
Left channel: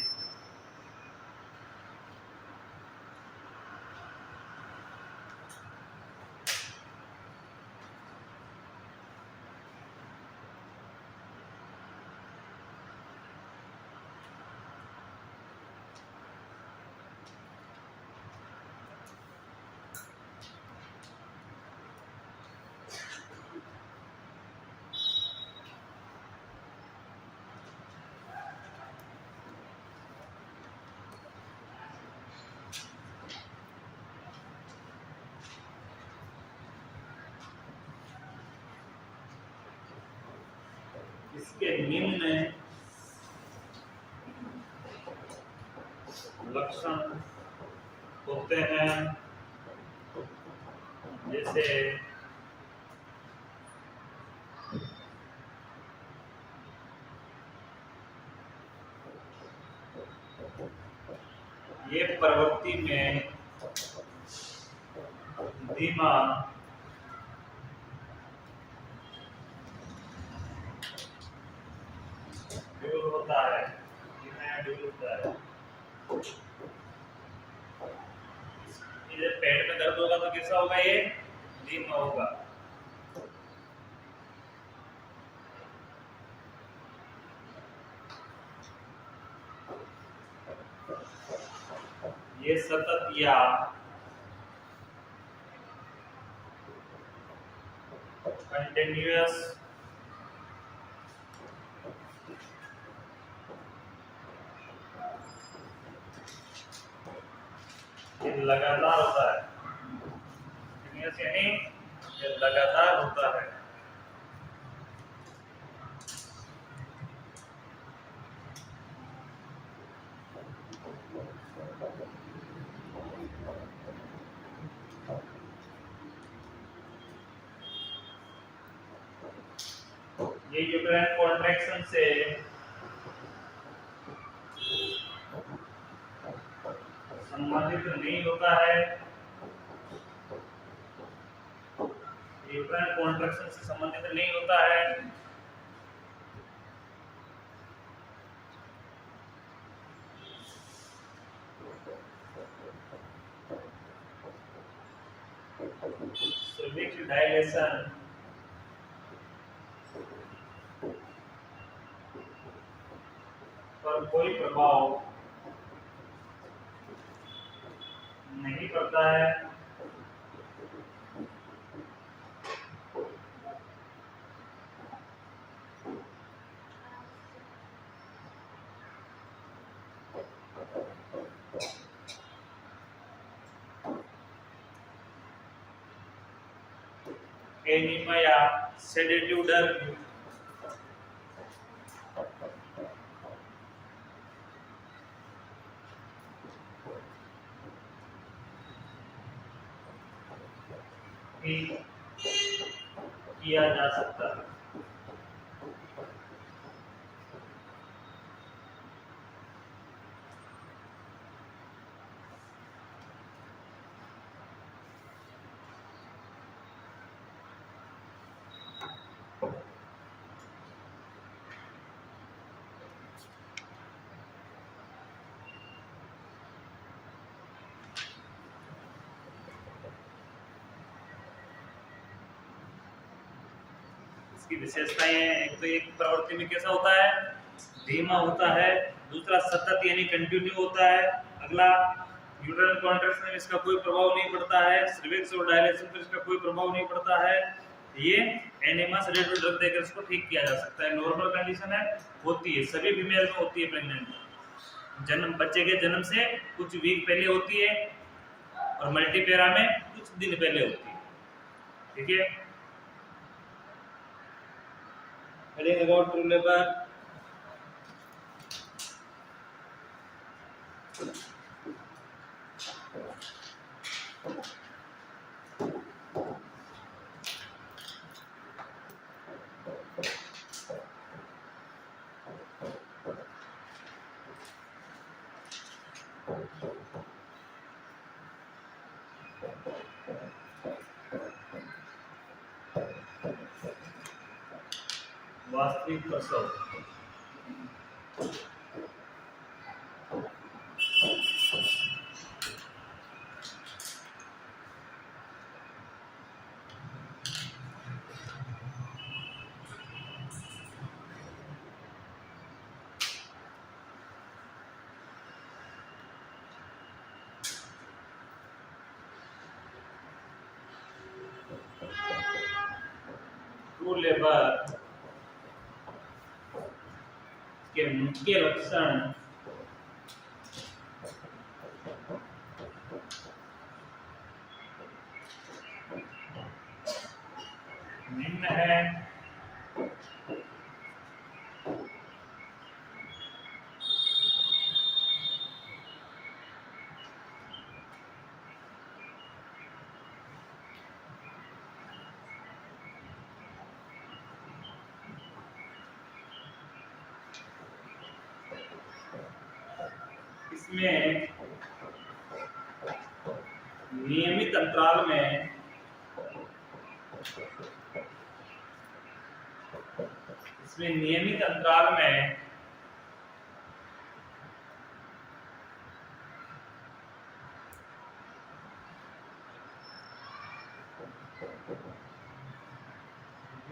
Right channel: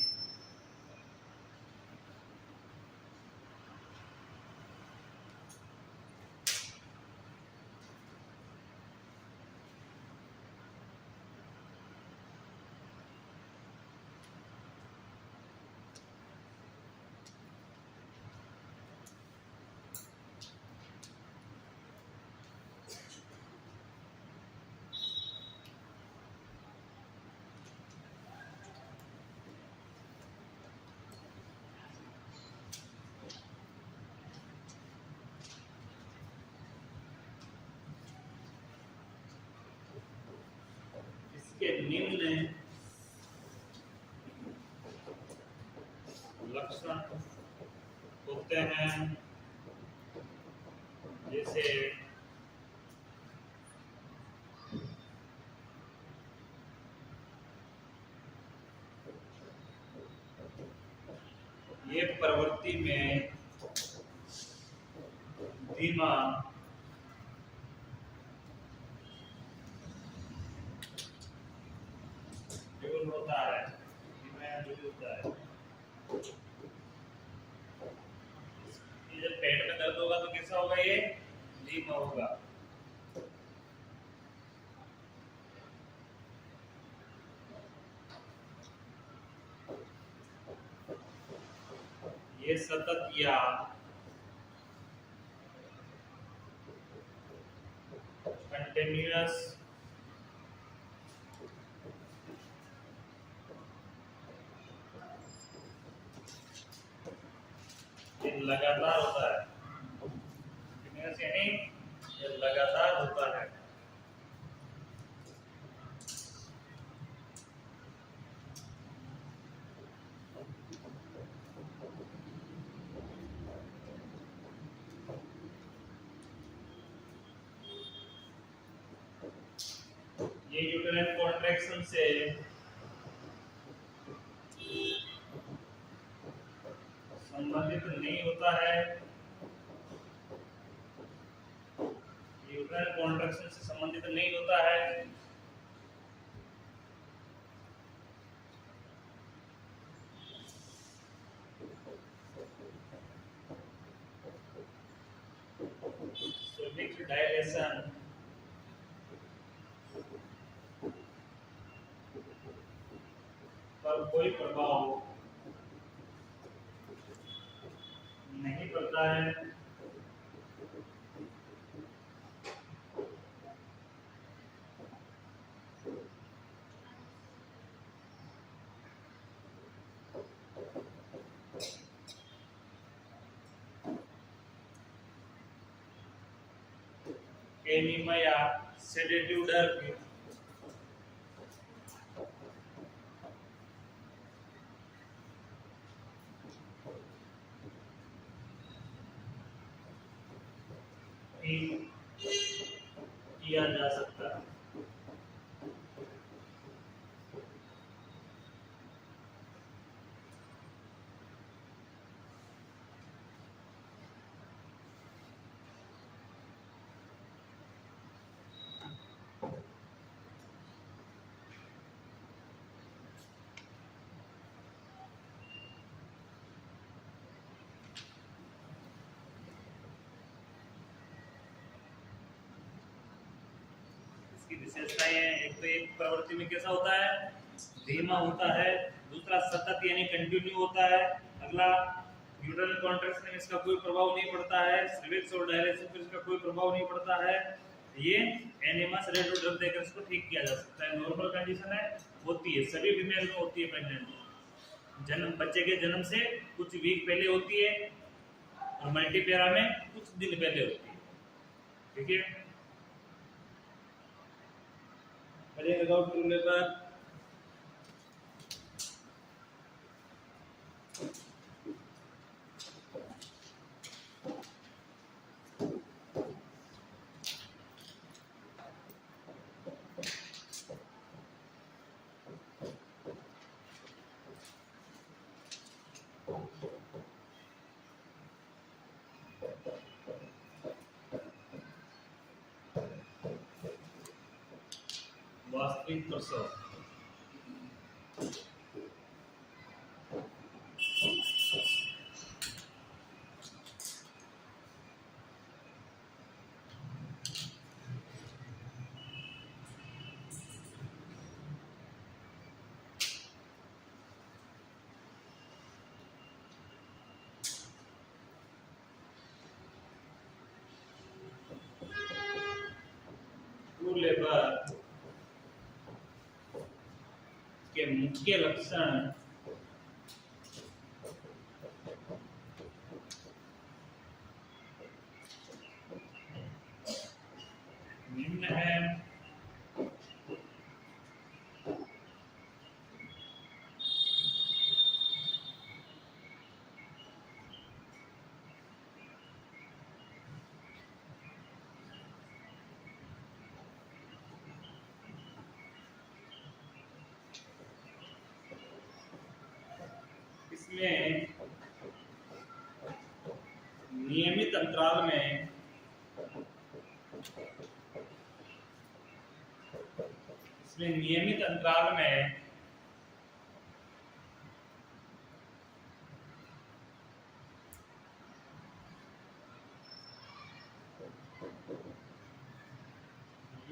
इसके निम्न लक्षण होते हैं, जैसे ये प्रवृत्ति में धीमा ड्यूल होता है, धीमा ड्यूल होता है। ये जब पेट में दर्द होगा तो कैसा होगा, ये धीमा होगा। ये सतत या कंटिन्यूअस लगातार होता है, कंटिन्यूअस यानी ये लगातार होता है। ये यूट्राइन कॉन्ट्रैक्शन से संबंधित नहीं होता है, यूट्राइन कॉन्ट्रैक्शन से संबंधित नहीं होता है। सर्विक्स डायलेशन पर कोई प्रभाव नहीं पड़ता है। एनीमा या सेडेटिव ड्रग भी किया जा सकता है। इसकी विशेषताएं हैं, एक तो एक प्रवृत्ति में कैसा होता है, धीमा होता है। दूसरा सतत यानी कंटिन्यू होता है। अगला यूट्राइन कॉन्ट्रैक्शन में इसका कोई प्रभाव नहीं पड़ता है। सर्विक्स और डायलेशन पर इसका कोई प्रभाव नहीं पड़ता है। ये एनिमा सेडेटिव ड्रग देकर इसको ठीक किया जा सकता है। नॉर्मल कंडीशन है, होती है, सभी फीमेल में होती है। प्रेग्नेंट जन्म, बच्चे के जन्म से कुछ वीक पहले होती है और मल्टीपेरा में कुछ दिन पहले होती है। ठीक है, अबाउट ट्रू लेबर वास्तविक प्रसव। ट्रू लेबर के मुख्य लक्षण निम्न है। इसमें नियमित अंतराल में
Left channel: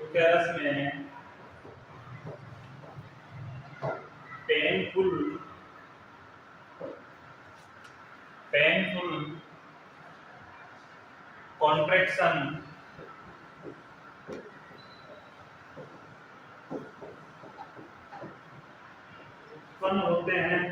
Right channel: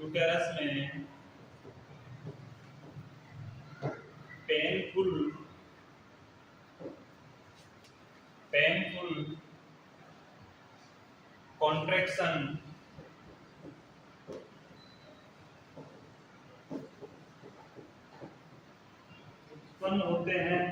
यूटेरस में पेनफुल कॉन्ट्रैक्शन उत्पन्न होते हैं।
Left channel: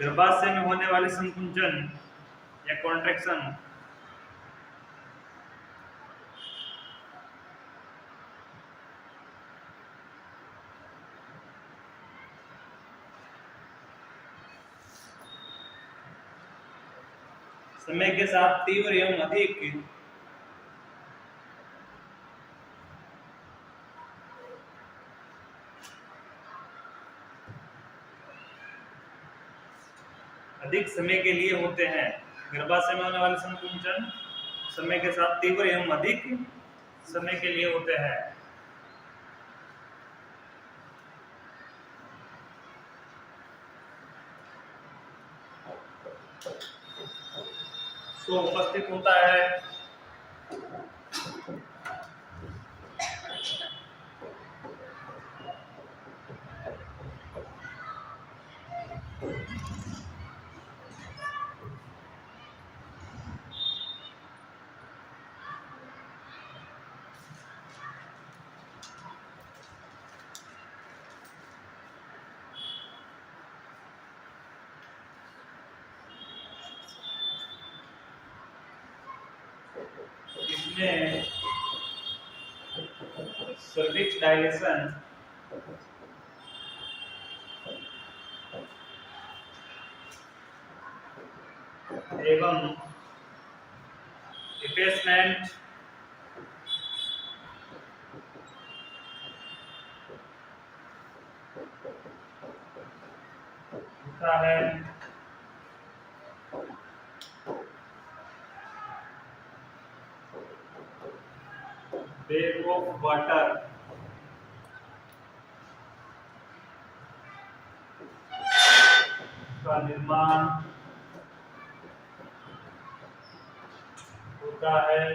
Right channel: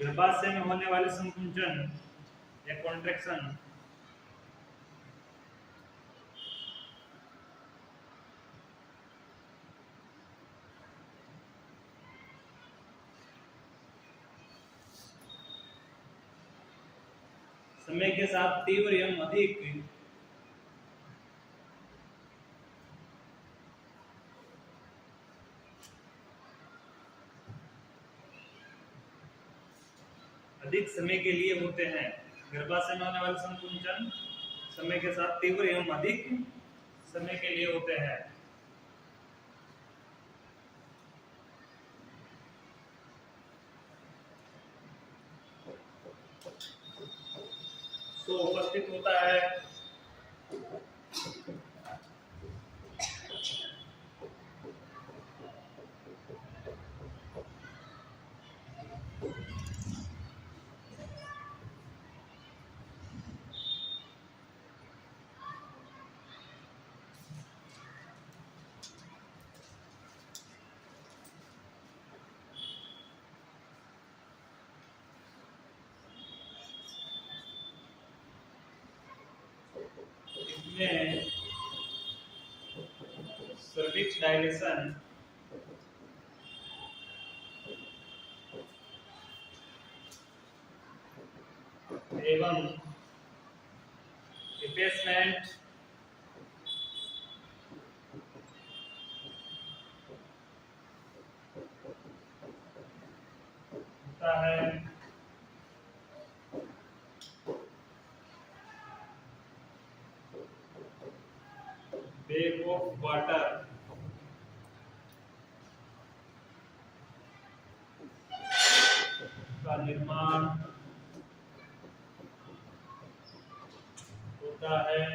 गर्भाशय में होने वाली संकुंचन या कॉन्ट्रैक्शन समय के साथ तीव्र एवं अधिक समय के लिए होते हैं। गर्भाशय में होने वाले संकुंचन समय के साथ तीव्र एवं अधिक समय के लिए होते हैं। तो उपस्थित होता है इसमें सर्विक्स डायलेशन एवं इफेसमेंट होता है। बैग ऑफ वाटर का निर्माण होता है।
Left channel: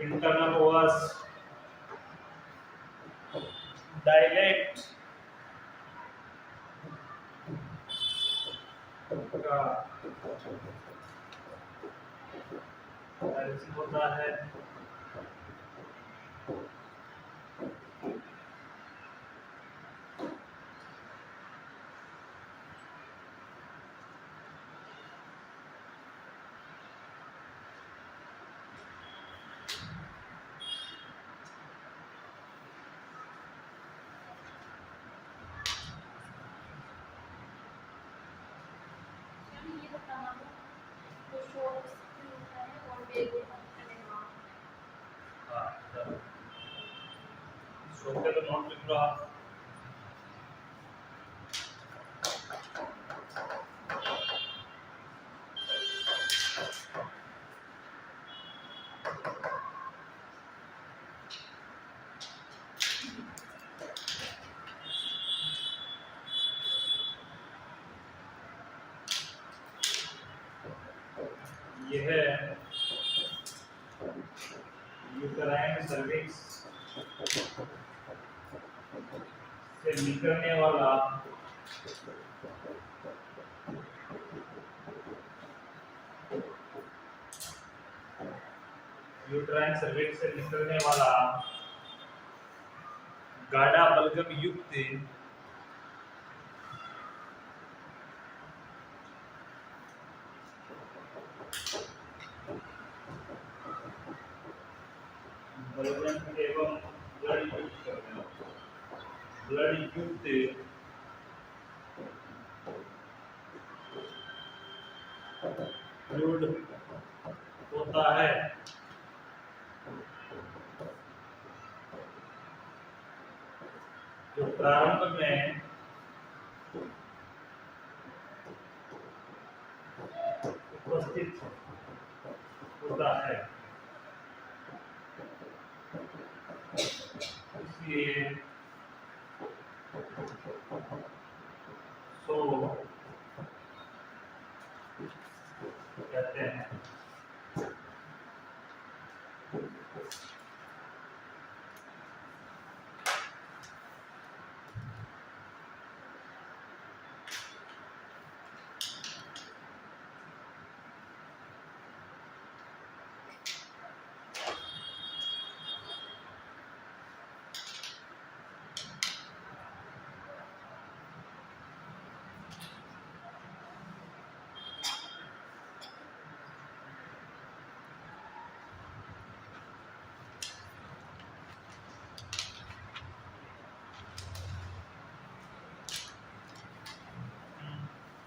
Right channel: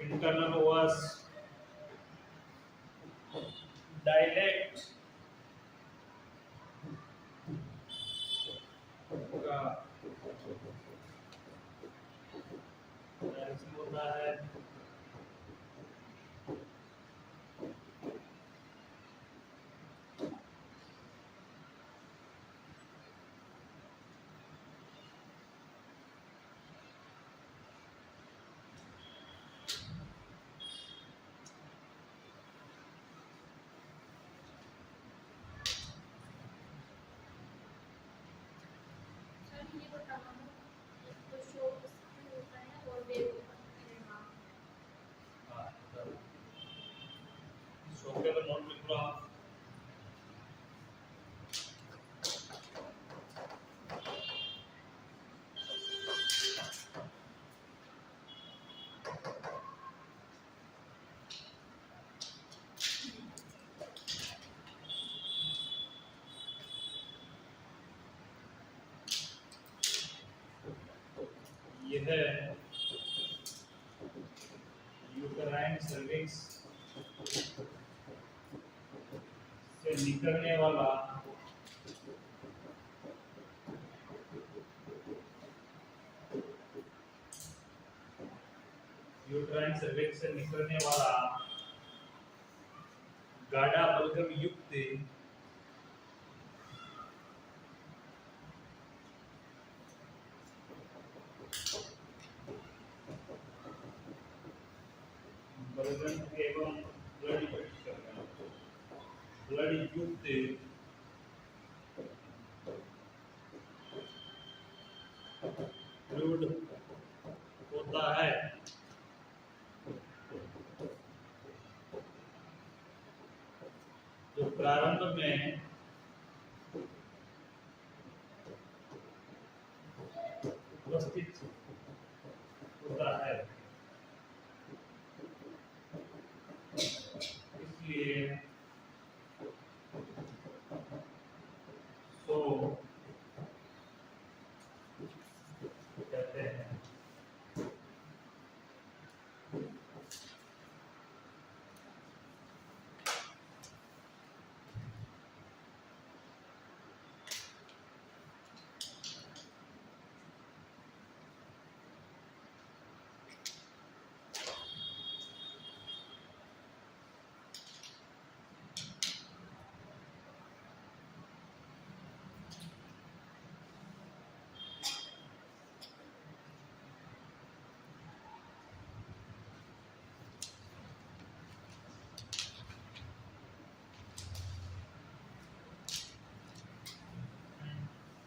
इंटरनल ओवस डायलेक्ट का डायरेक्शन होता है। ये बताना तो शॉर्ट होता है और बेग होता है निर्माण। हाँ, शो के तो नोट लिख लो आप। यह यूटेराइन सर्विक्स से निकलने वाला यूट्राइन सर्विक्स से निकलने वाला गाढ़ा बलगम युक्त बलगम एवं ब्लड युक्त फ्लूइड होता है। जो प्रारंभ में उपस्थित होता है, इसलिए सो कहते हैं।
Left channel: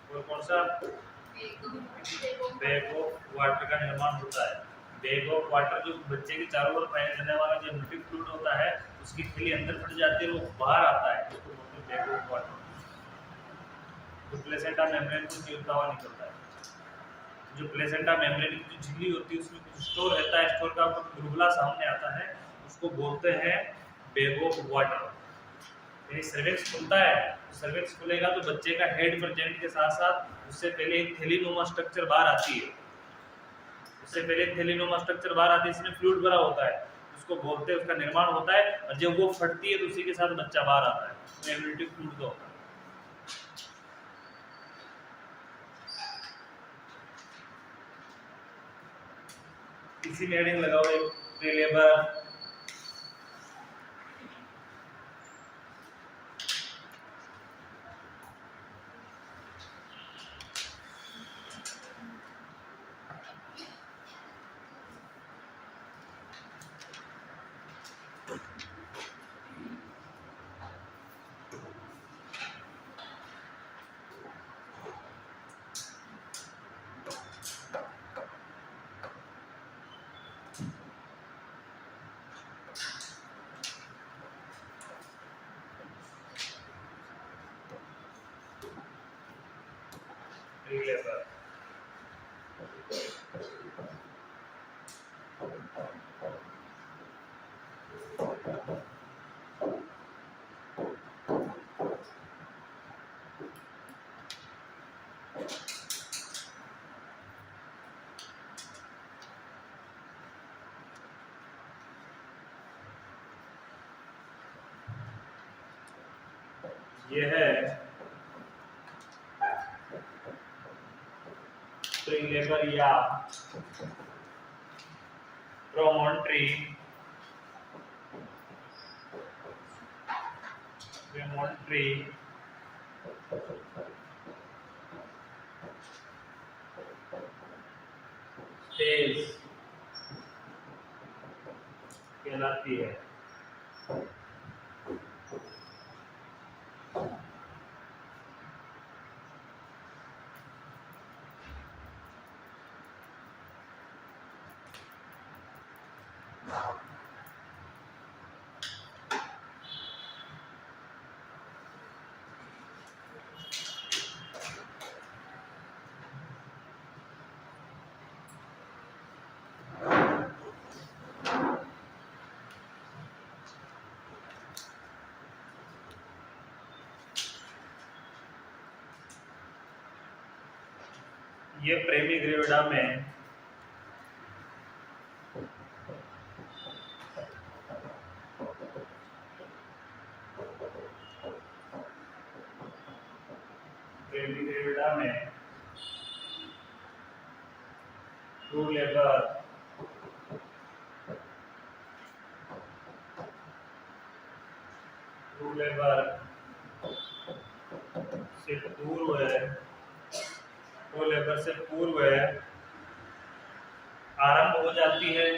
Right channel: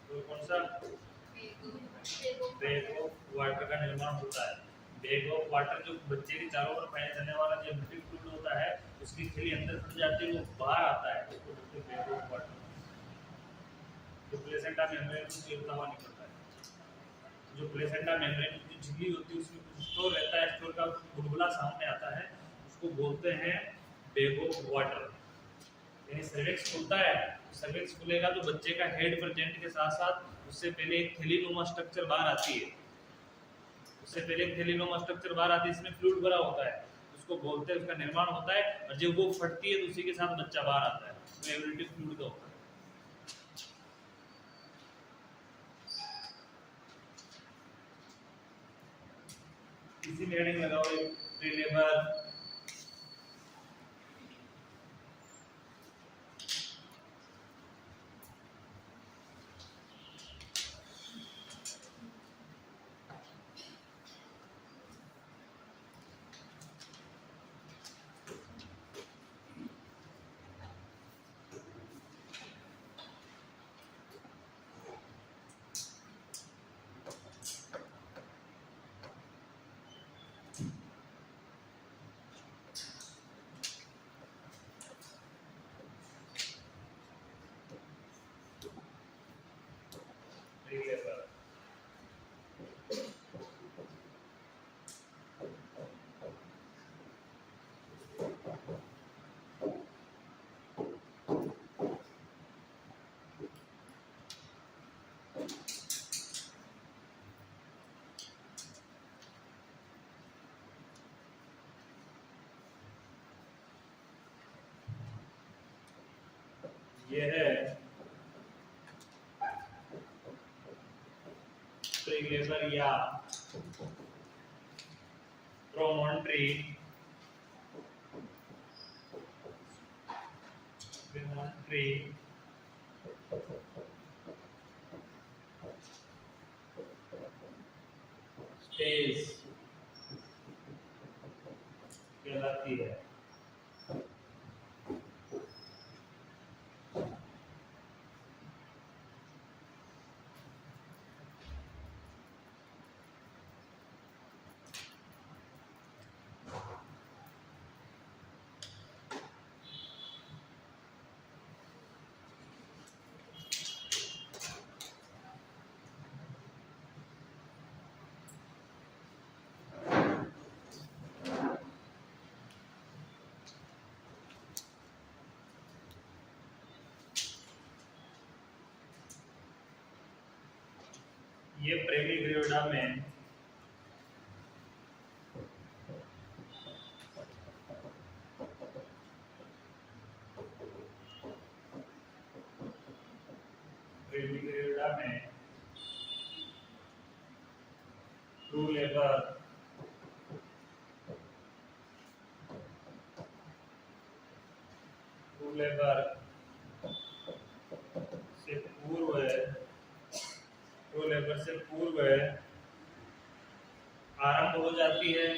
और कौन सा बैग ऑफ वाटर का निर्माण होता है। बैग ऑफ वाटर जो बच्चे के चारों ओर पाया जाने वाला जो एम्नियोटिक फ्लूइड होता है, उसकी थैली अंदर फट जाती है, वो बाहर आता है, उसको बोलते हैं बैग ऑफ वाटर। जो प्लेसेंटा मेम्ब्रेन को चीरता हुआ निकलता है। जो प्लेसेंटा मेम्ब्रेन की जो झिल्ली होती है उसमें कुछ स्टोर रहता है, स्टोर का बुलबुला सामने आता है, उसको बोलते हैं बैग ऑफ वाटर। यानी सर्विक्स खुलता है, सर्विक्स खुलेगा तो बच्चे का हेड प्रेजेंट के साथ साथ उससे पहले एक थैलीनुमा स्ट्रक्चर बाहर आती है। उससे पहले एक थैलीनुमा स्ट्रक्चर बाहर आती है, इसमें फ्लूइड भरा होता है, उसको बोलते हैं, उसका निर्माण होता है, और जब वो फटती है तो उसी के साथ बच्चा बाहर आता है, तो एम्नियोटिक फ्लूइड का होता है। इसी में हेडिंग लगाओ एक प्री लेबर, प्री लेबर। ये है प्री लेबर या प्रोमोन्ट्री स्टेज कहलाती है। ये प्रेमी ग्रेविडा में ट्रू लेबर लेबर से पूर्व है, प्रो लेबर से पूर्व है आरंभ हो जाती है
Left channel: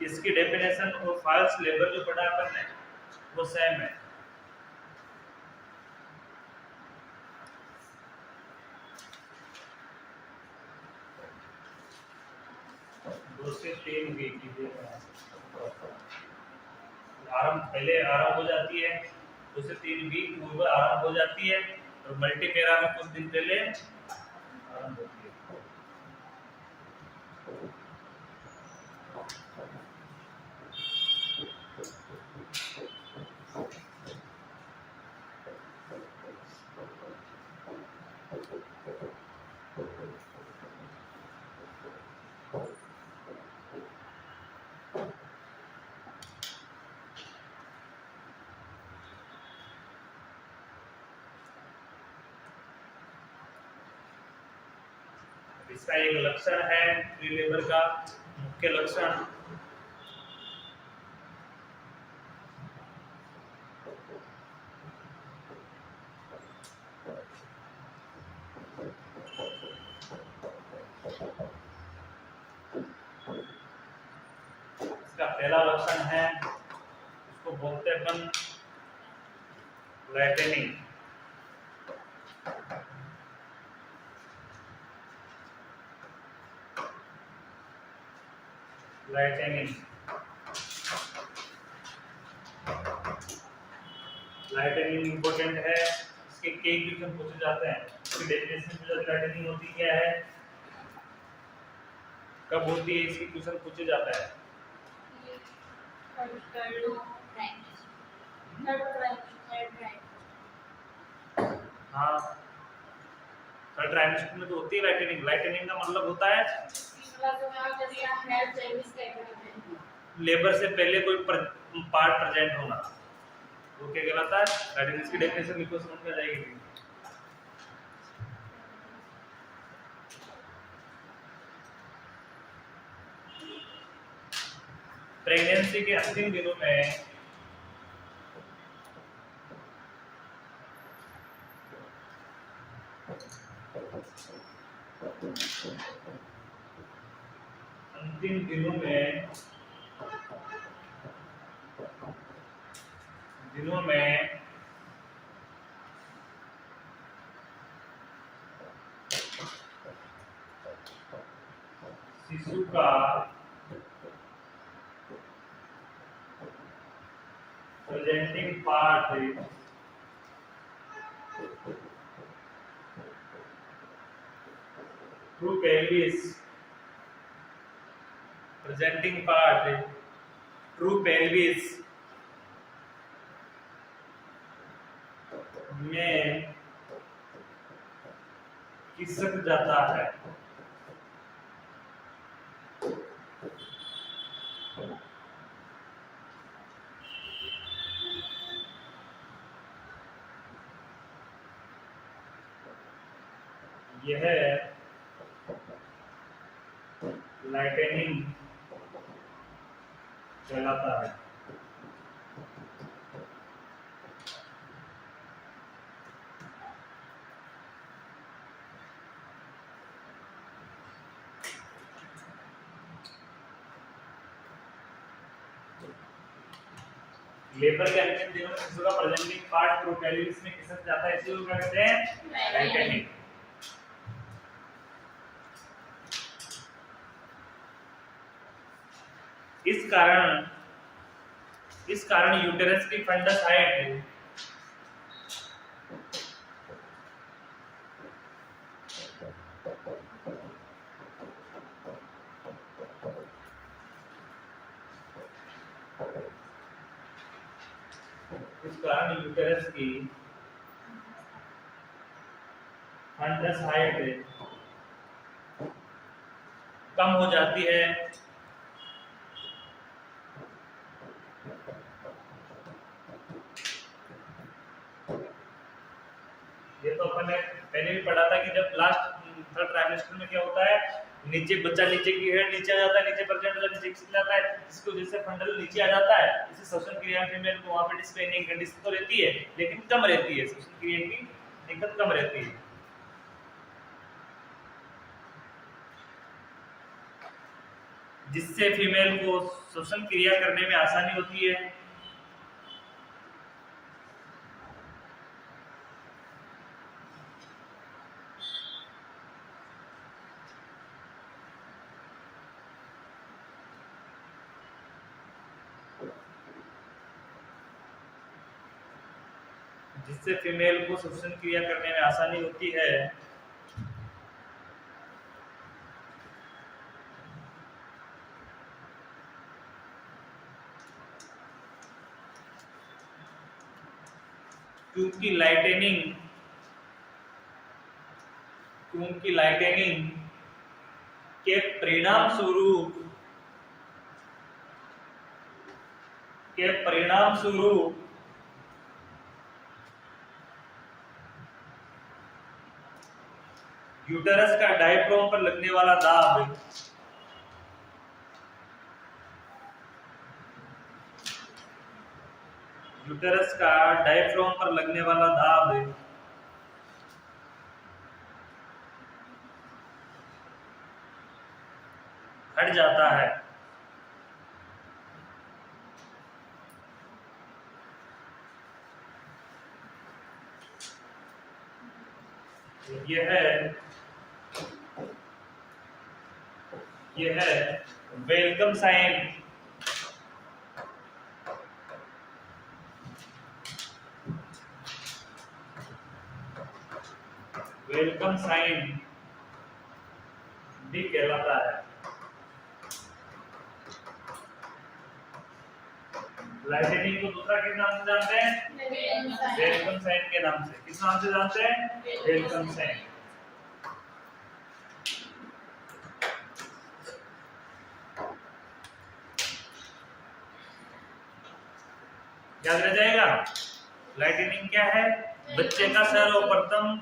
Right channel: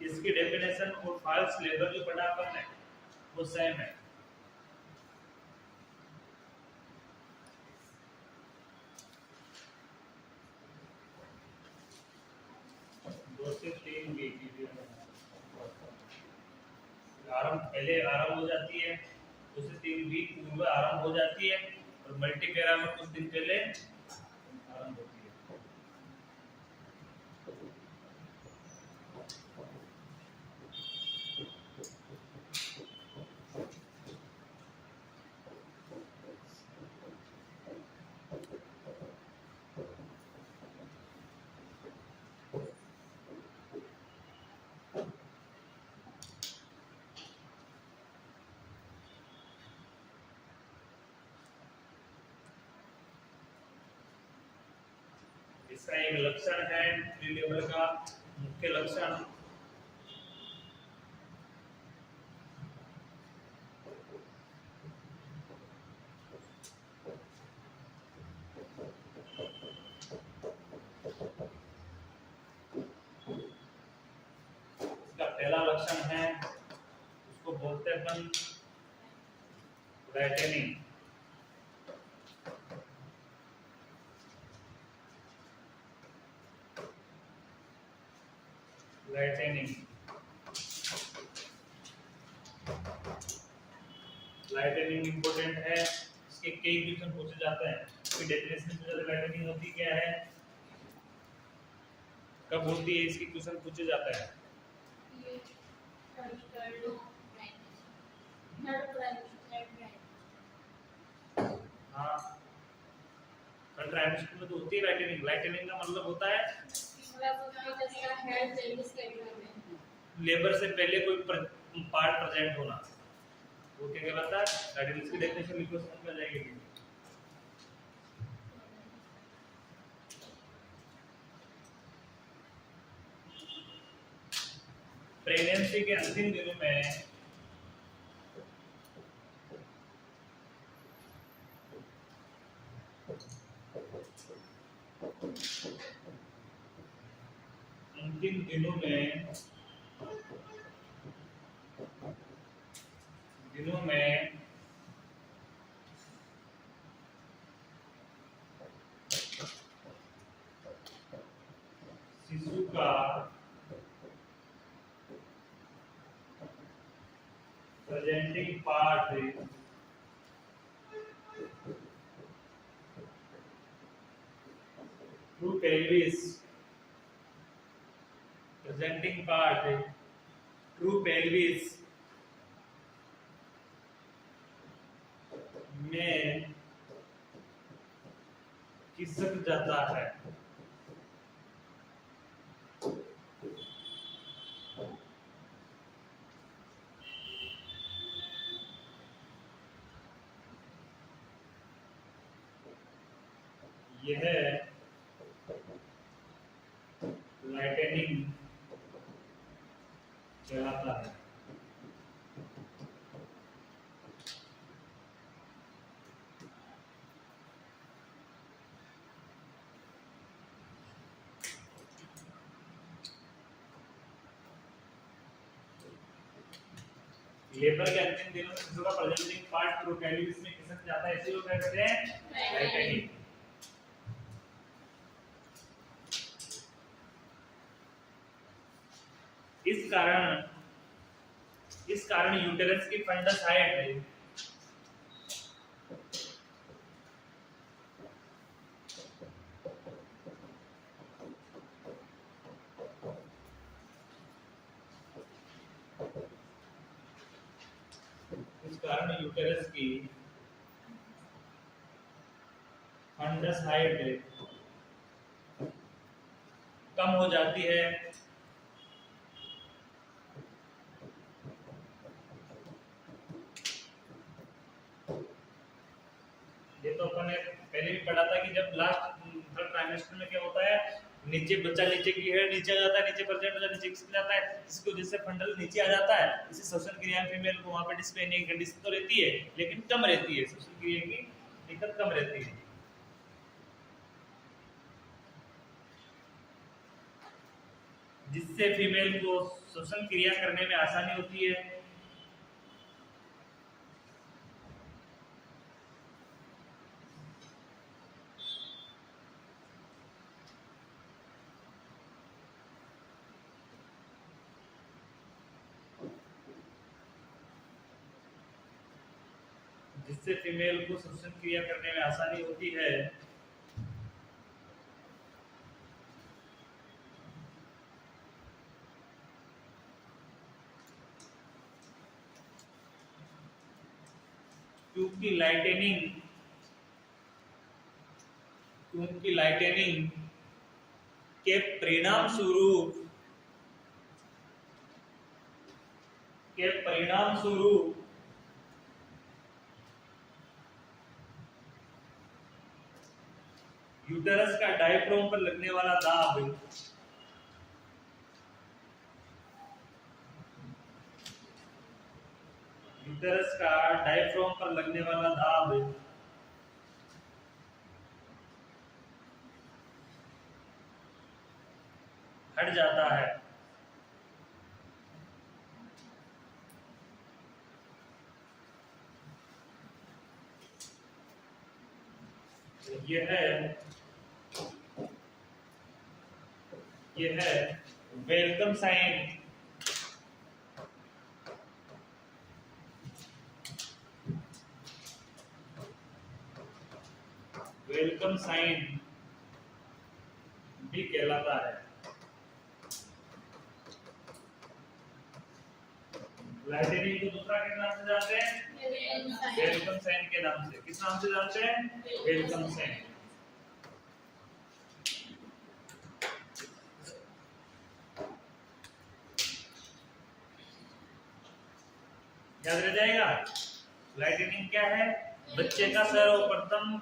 इसकी डेफिनेशन और फॉल्स लेबर जो पढ़ा अपन ने वो सेम है। दो से 3 वीक आरंभ, पहले आरंभ हो जाती है, 2 से 3 वीक पूर्व आरंभ हो जाती है और मल्टी पैरा में कुछ दिन पहले आरंभ होती है। इसका एक लक्षण है फ्री लेबर का मुख्य लक्षण, इसका पहला लक्षण है, इसको बोलते हैं अपन लाइटनिंग। लाइटनिंग लाइटनिंग इंपॉर्टेंट है, इसके कई क्वेश्चन पूछे जाते हैं। इसकी डेफिनेशन में लाइटनिंग होती क्या है, कब होती है, इसकी क्वेश्चन पूछे जाता है। हाँ, थर्ड ट्राइमेस्टर में तो होती है लाइटनिंग। लाइटनिंग का मतलब होता है लेबर से पहले कोई पार्ट प्रेजेंट होना, वो क्या कहलाता है लाइटनिंग। इसकी डेफिनेशन लिखो, समझ में आ जाएगी। प्रेगनेंसी के अंतिम दिनों में दिनों में शिशु का presenting part through pelvis, presenting part through pelvis में खिसक जाता है। यह लाइटनिंग कहलाता है। लेबर के अंतिम दिनों में शिशु का प्रेजेंटिंग पार्ट थ्रू पेल्विस में खिसक जाता है, इसी को क्या कहते हैं लाइटनिंग। इस कारण यूटेरस की फंडस हाइट यूटेरस की फंडस हाइट कम हो जाती है। ये तो अपन ने पहले भी पढ़ा था कि जब लास्ट थर्ड ट्राइमेस्टर में क्या होता है, नीचे बच्चा नीचे की है, नीचे आ जाता है, नीचे परसेंट नीचे खिसक जाता है, इसकी वजह से फंडल नीचे आ जाता है। इसे श्वसन क्रिया में फीमेल को वहां पे डिस्प्लेनिंग कंडीशन तो रहती है लेकिन कम रहती है, श्वसन क्रिया की दिक्कत कम रहती है। जिससे फीमेल को श्वसन क्रिया करने में आसानी होती है। जिससे फीमेल को श्वसन क्रिया करने में आसानी होती है। क्योंकि लाइटेनिंग के परिणाम स्वरूप यूटेरस का डायफ्राम पर लगने वाला दाब हट जाता है। यह है वेलकम साइन। वेलकम साइन भी कहलाता है। लाइटेनिंग को दूसरा किस नाम से जानते हैं? वेलकम साइन के नाम से। किस नाम से जानते हैं? Welcome sign. याद रह जाएगा। लाइटेनिंग क्या है? बच्चे का सर्वप्रथम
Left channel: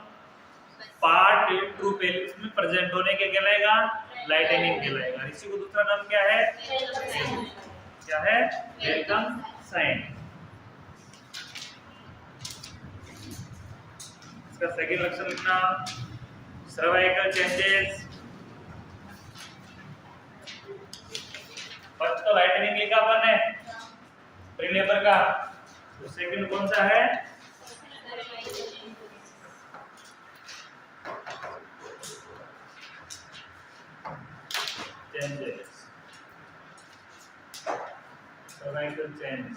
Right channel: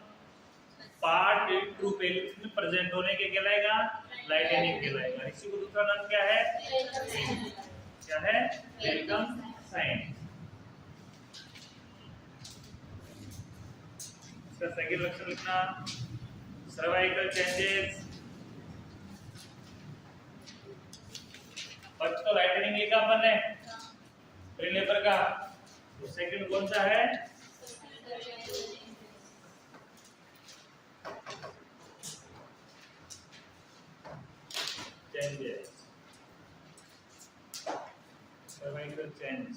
पार्ट ट्रू पेलिक्स में प्रेजेंट होने के कहलाएगा लाइटेनिंग कहलाएगा। इसी को दूसरा नाम क्या है? क्या है? Welcome sign. इसका सेकंड लक्षण लिखना, सर्वाइकल चेंजेस। फर्स्ट तो लाइटेनिंग लिखा अपन ने प्रीनेपर का, तो सेकंड कौन सा है? Changes, cervical change.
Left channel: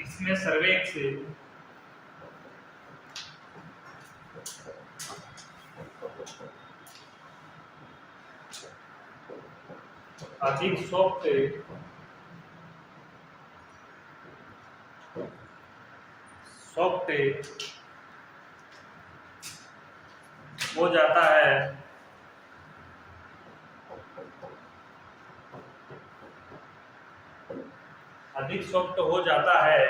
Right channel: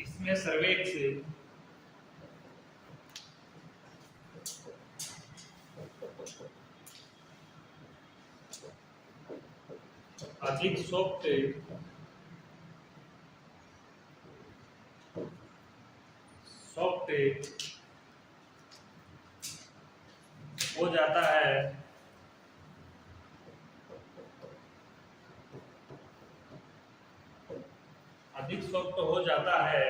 इसमें सर्वेक्स अधिक सॉफ्ट हो जाता है। अधिक सॉफ्ट हो जाता है।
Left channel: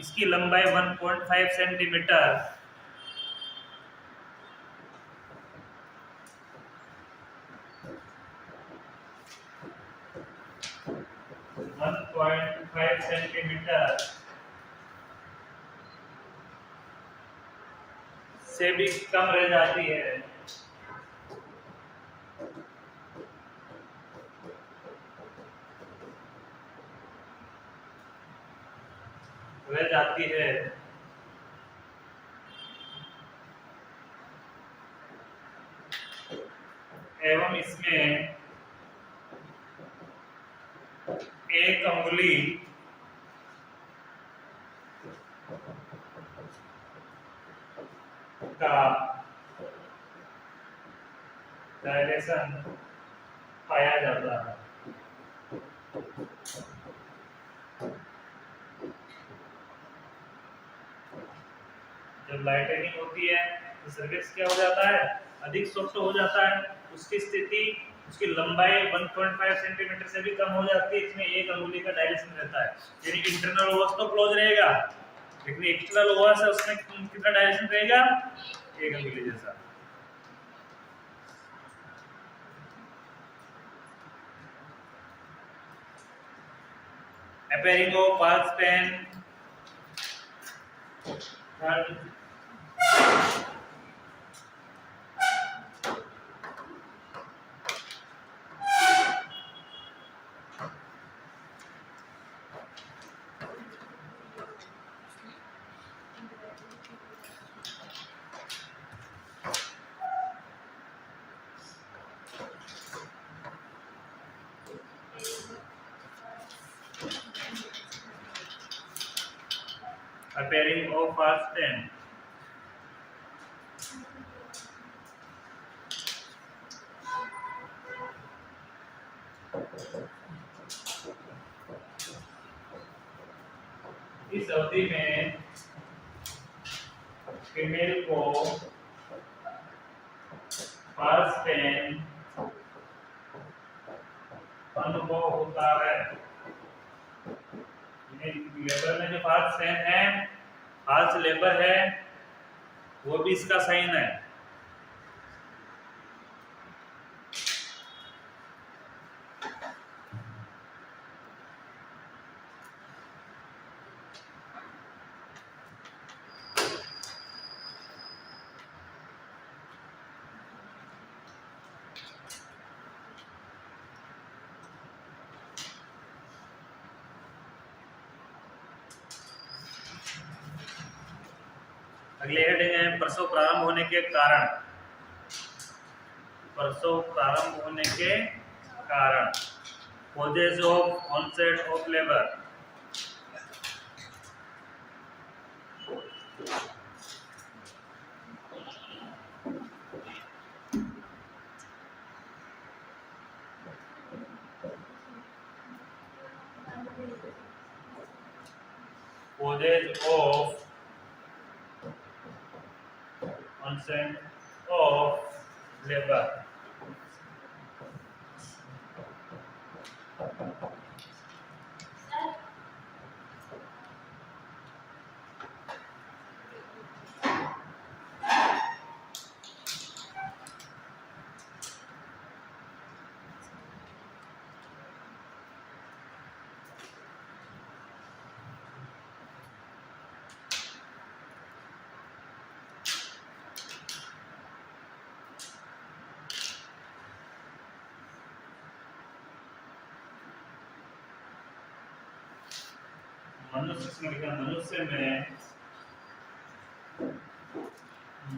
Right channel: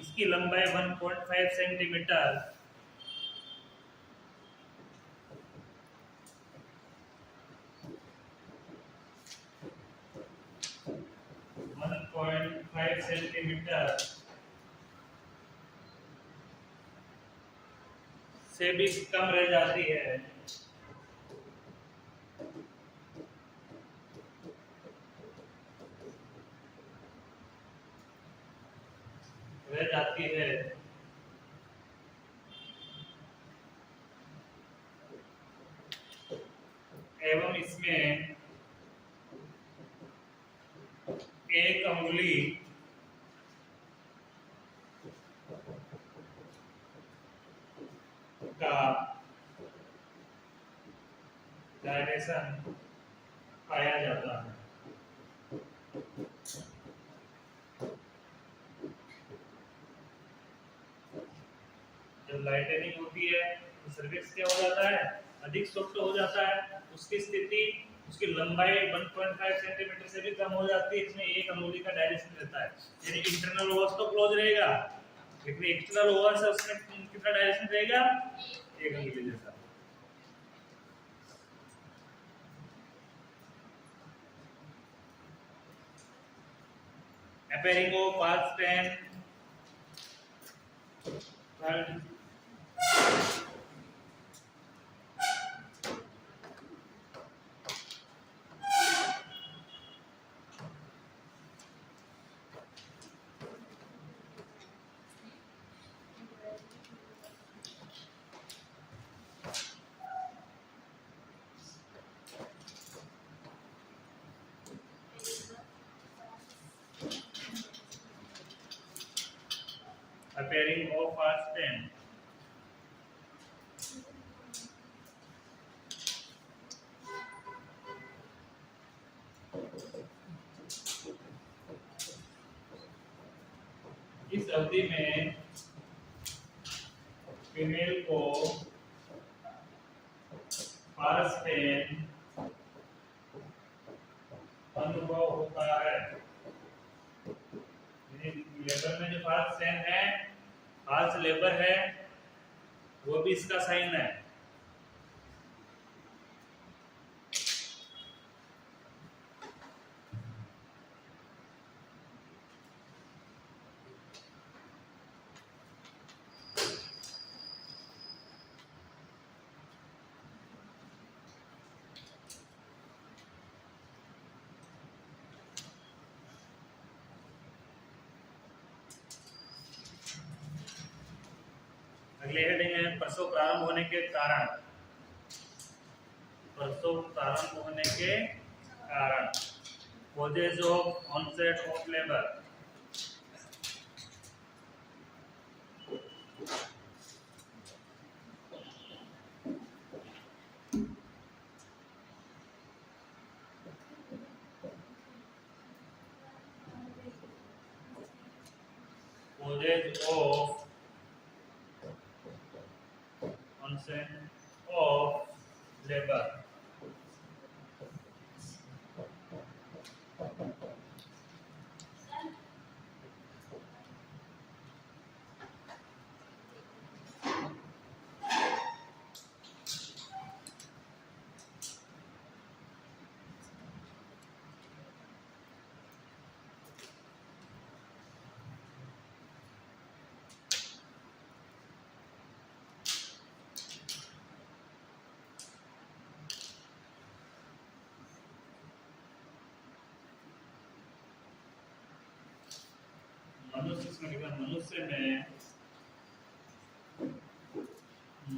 इसकी लंबाई 1.5 सेंटीमीटर 1.5 सेंटीमीटर से भी कम रह जाती है। जाती है। एवं इसमें एक अंगुली का डायरेक्शन पाया जाता है। जब लाइटनिंग होती है तो सर्किट क्या हो जाता है, अधिक सॉफ्ट हो जाता है। उसकी स्थिति, उसकी लंबाई 1.5 सेंटीमीटर से भी कम हो जाती है। इसमें एक अंगुली का डायरेक्शन रहता है, यानी इंटरनल ओवस तो क्लोज रहेगा, लेकिन एक्सटर्नल ओवस है उसमें कितना डायरेक्शन रहेगा, एक अंगुली जैसा। Appearing of false pen, third, appearing of false pen, इस अवधि में फीमेल को फाल्स पेन अनुभव होता है। लेबर में जो फाल्स पेन है, फाल्स लेबर है, वो भी इसका साइन है। अगले हेडिंग है प्रसव प्रारंभ होने के कारण। प्रसव प्रारंभ होने के कारण, causes of onset of labour. Causes of onset of labor।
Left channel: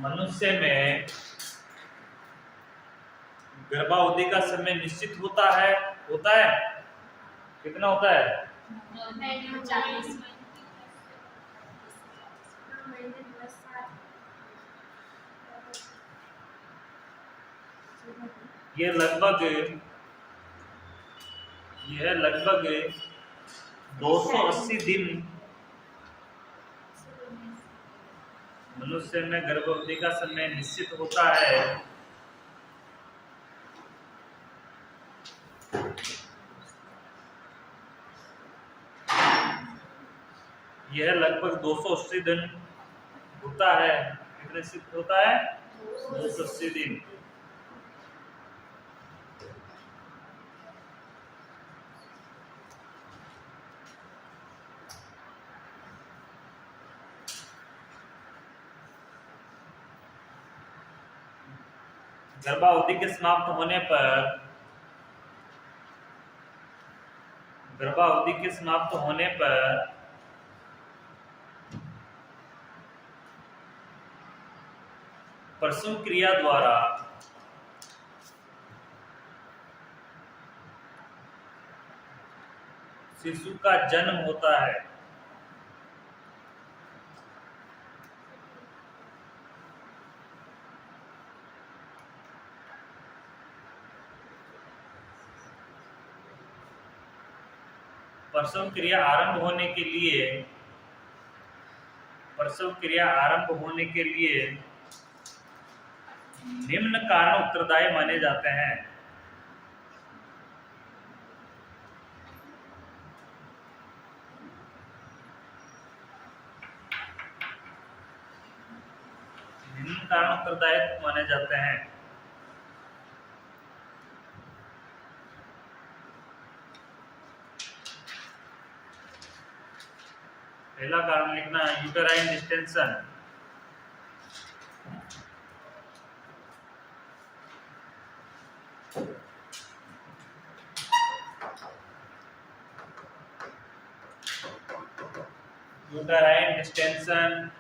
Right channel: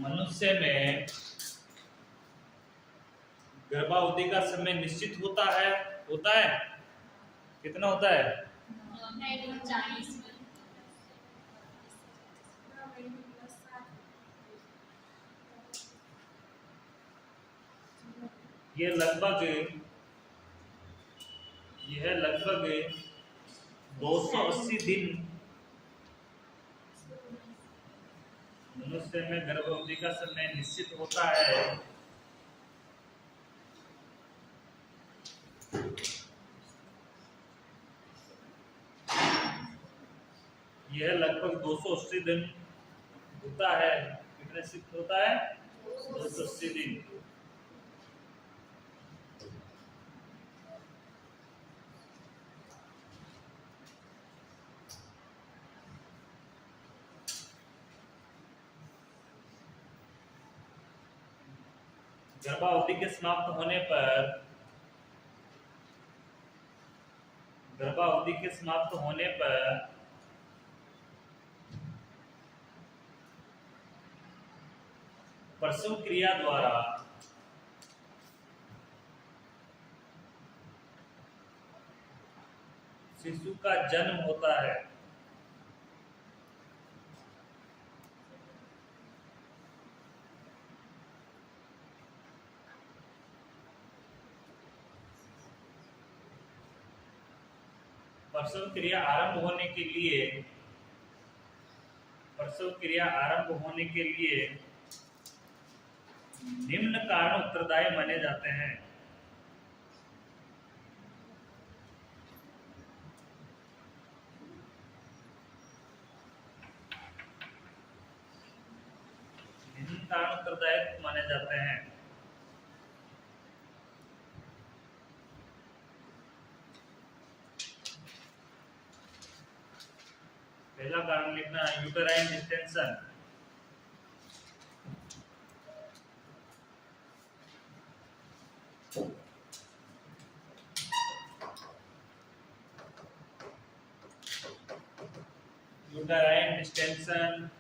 मनुष्य में गर्भावधि का समय निश्चित होता है। कितना होता है? 40। यह लगभग 280 दिन मनुष्य में गर्भावधि का समय निश्चित होता है। यह लगभग 280 दिन होता है। कितने सिद्ध होता है? 280 दिन। गर्भावधि के समाप्त होने पर प्रसव क्रिया द्वारा शिशु का जन्म होता है। प्रसव क्रिया आरंभ होने के लिए निम्न कारण उत्तरदायी माने जाते हैं। निम्न कारण उत्तरदायी माने जाते हैं। पहला कारण लिखना है uterine distension. Uterine distension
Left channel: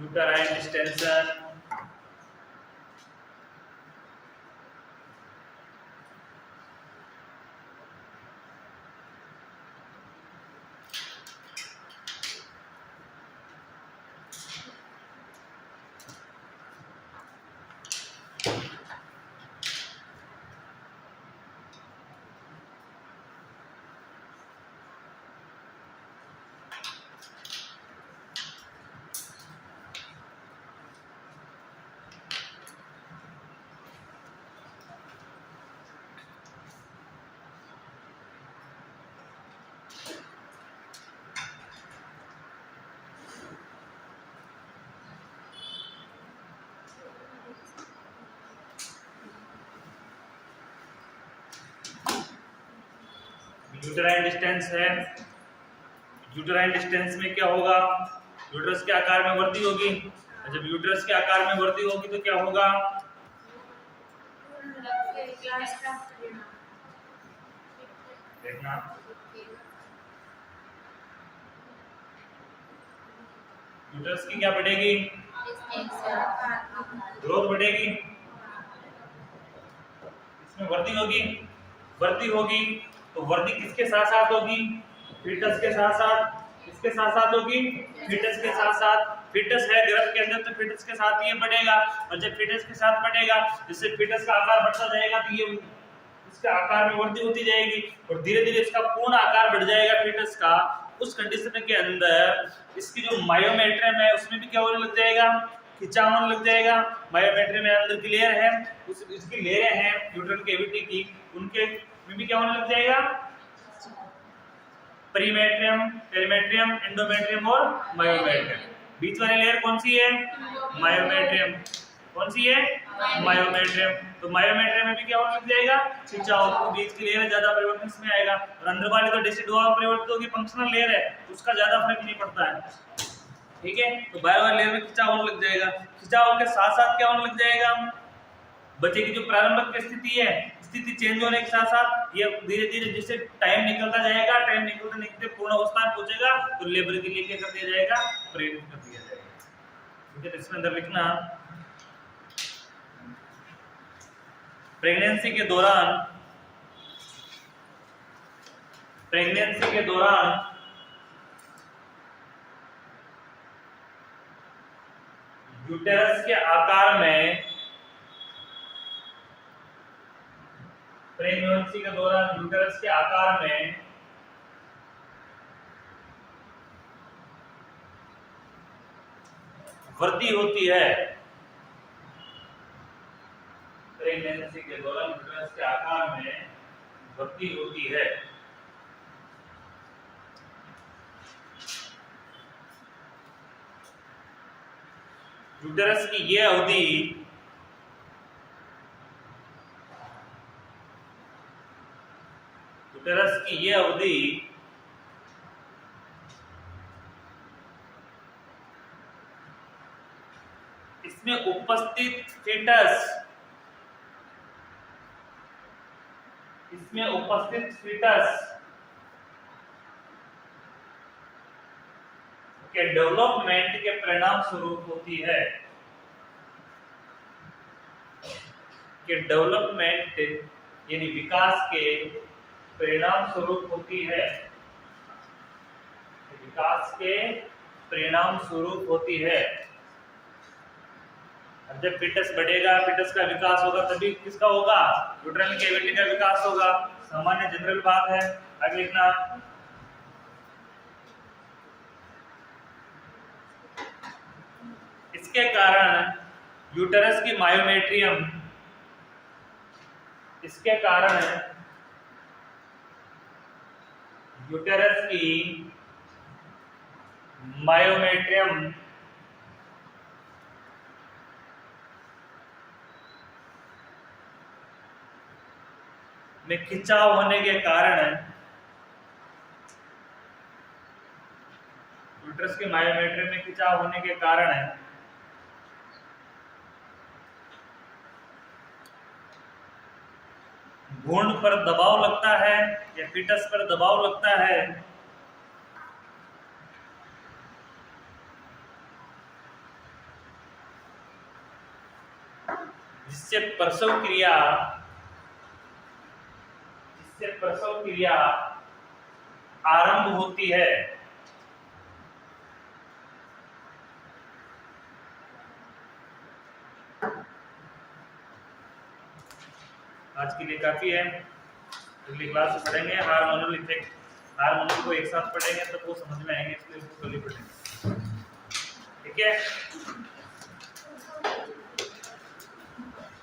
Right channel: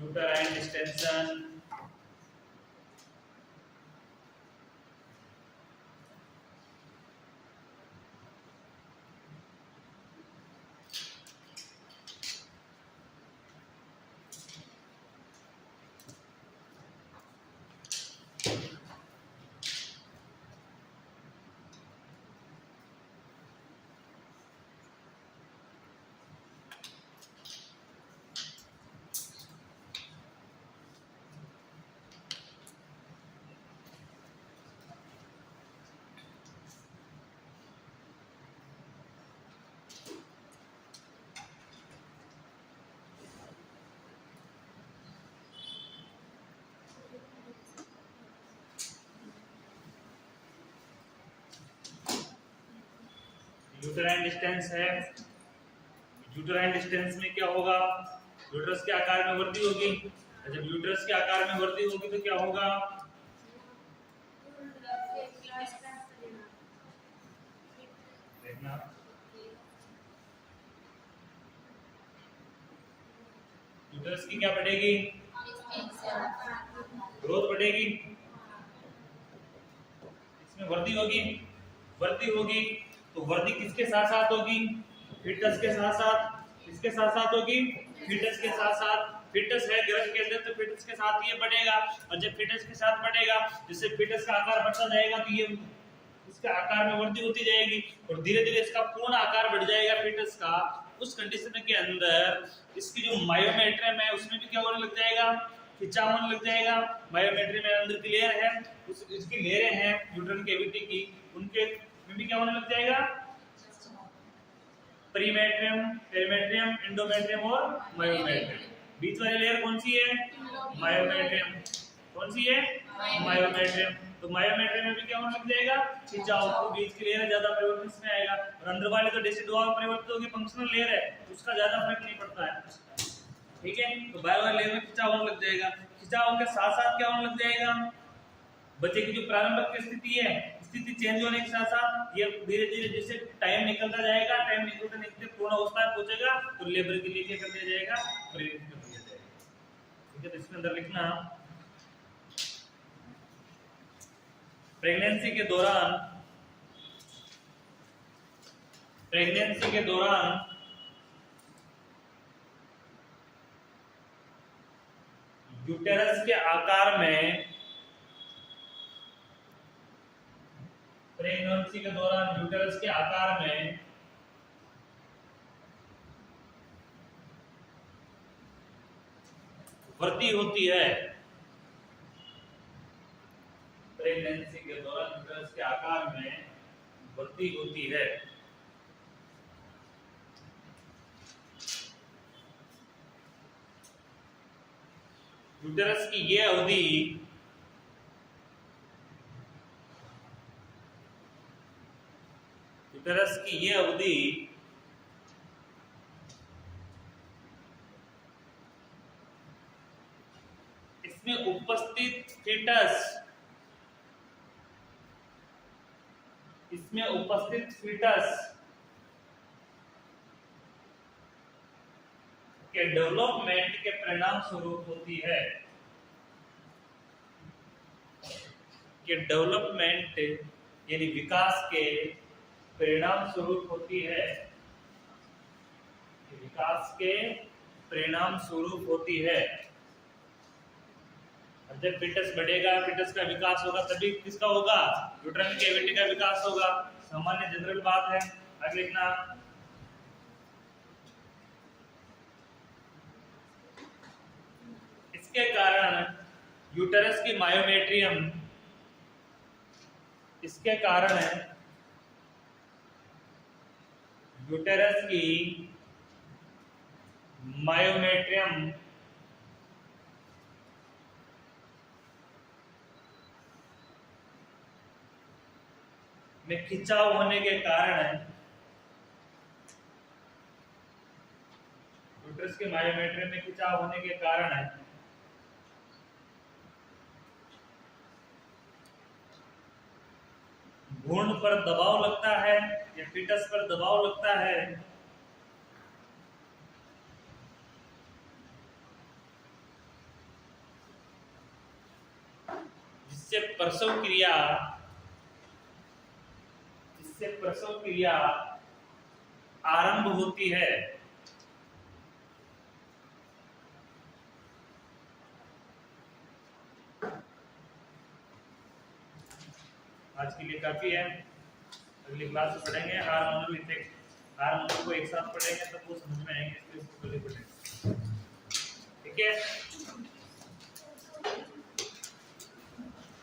uterine distension uterine distance है। यूटेराइन डिस्टेंस में क्या होगा, यूट्रस के आकार में वृद्धि होगी। जब यूट्रस के आकार में वृद्धि होगी तो क्या होगा, देखना यूट्रस की क्या बढ़ेगी, ग्रोथ बढ़ेगी, इसमें वृद्धि होगी तो वृद्धि किसके साथ साथ होगी, फीटस के साथ साथ, किसके साथ साथ होगी, फीटस के साथ साथ। फीटस है गर्भ के अंदर तो फीटस के साथ ये बढ़ेगा, और जब फीटस के साथ बढ़ेगा जिससे फीटस का आकार बढ़ता जाएगा तो ये इसका आकार में वृद्धि होती जाएगी और धीरे धीरे इसका पूर्ण आकार बढ़ जाएगा फीटस का। उस कंडीशन के अंदर इसकी जो मायोमेट्रियम है उसमें भी क्या होने लग जाएगा, खिंचाव होने लग जाएगा। मायोमेट्रियम में अंदर की लेयर है, उस इसकी लेयरें हैं यूट्राइन कैविटी की, उनके में भी क्या होने लग जाएगा, प्रीमेट्रियम, पेरीमेट्रियम, एंडोमेट्रियम और मायोमेट्रियम। बीच वाली लेयर कौन सी है, मायोमेट्रियम। कौन सी है, मायोमेट्रियम। तो मायोमेट्रियम में भी क्या होने लग जाएगा, खिंचाव। बीच की लेयर ज्यादा परिवर्तन इसमें आएगा और अंदर वाली तो डेसिडुआ परिवर्तित होगी, फंक्शनल लेयर है, उसका ज्यादा फर्क नहीं पड़ता है। ठीक है, तो बाहर वाली लेयर में खिंचाव होने लग जाएगा। खिंचाव के साथ साथ क्या होने लग जाएगा, बच्चे की जो प्रारंभिक स्थिति है, स्थिति चेंज होने के साथ साथ ये धीरे धीरे जैसे टाइम निकलता जाएगा, टाइम निकलते निकलते पूर्ण अवस्था में पहुंचेगा तो लेबर के लिए क्या कर दिया जाएगा, प्रेरित कर दिया जाएगा। ठीक है, तो इसमें अंदर लिखना प्रेगनेंसी के दौरान यूटेरस के आकार में, प्रेगनेंसी के दौरान यूटेरस के आकार में वृद्धि होती है। प्रेगनेंसी के दौरान यूटेरस के आकार में वृद्धि होती है। यूटेरस की ये अवधि इसमें उपस्थित फीटस इसमें उपस्थित फीटस के डेवलपमेंट के परिणाम स्वरूप होती है, कि डेवलपमेंट यानी विकास के परिणाम स्वरूप होती है, विकास के परिणाम स्वरूप होती है। अब जब फीटस बढ़ेगा, फीटस का विकास होगा, तभी किसका होगा? यूट्राइन कैविटी का विकास होगा। सामान्य जनरल बात है। आगे लिखना, इसके कारण यूटेरस की मायोमेट्रियम, इसके कारण यूटेरस की मायोमेट्रियम में खिंचाव होने के कारण, यूटेरस के मायोमेट्रियम में खिंचाव होने के कारण भ्रूण पर दबाव लगता है या फीटस पर दबाव लगता है, जिससे प्रसव क्रिया आरंभ होती है। आज के लिए काफी है, अगली क्लास में पढ़ेंगे हार्मोनल इफेक्ट। हार्मोनल को एक साथ पढ़ेंगे तो वो समझ में आएंगे, इसलिए इसको कल ही पढ़ेंगे। ठीक है।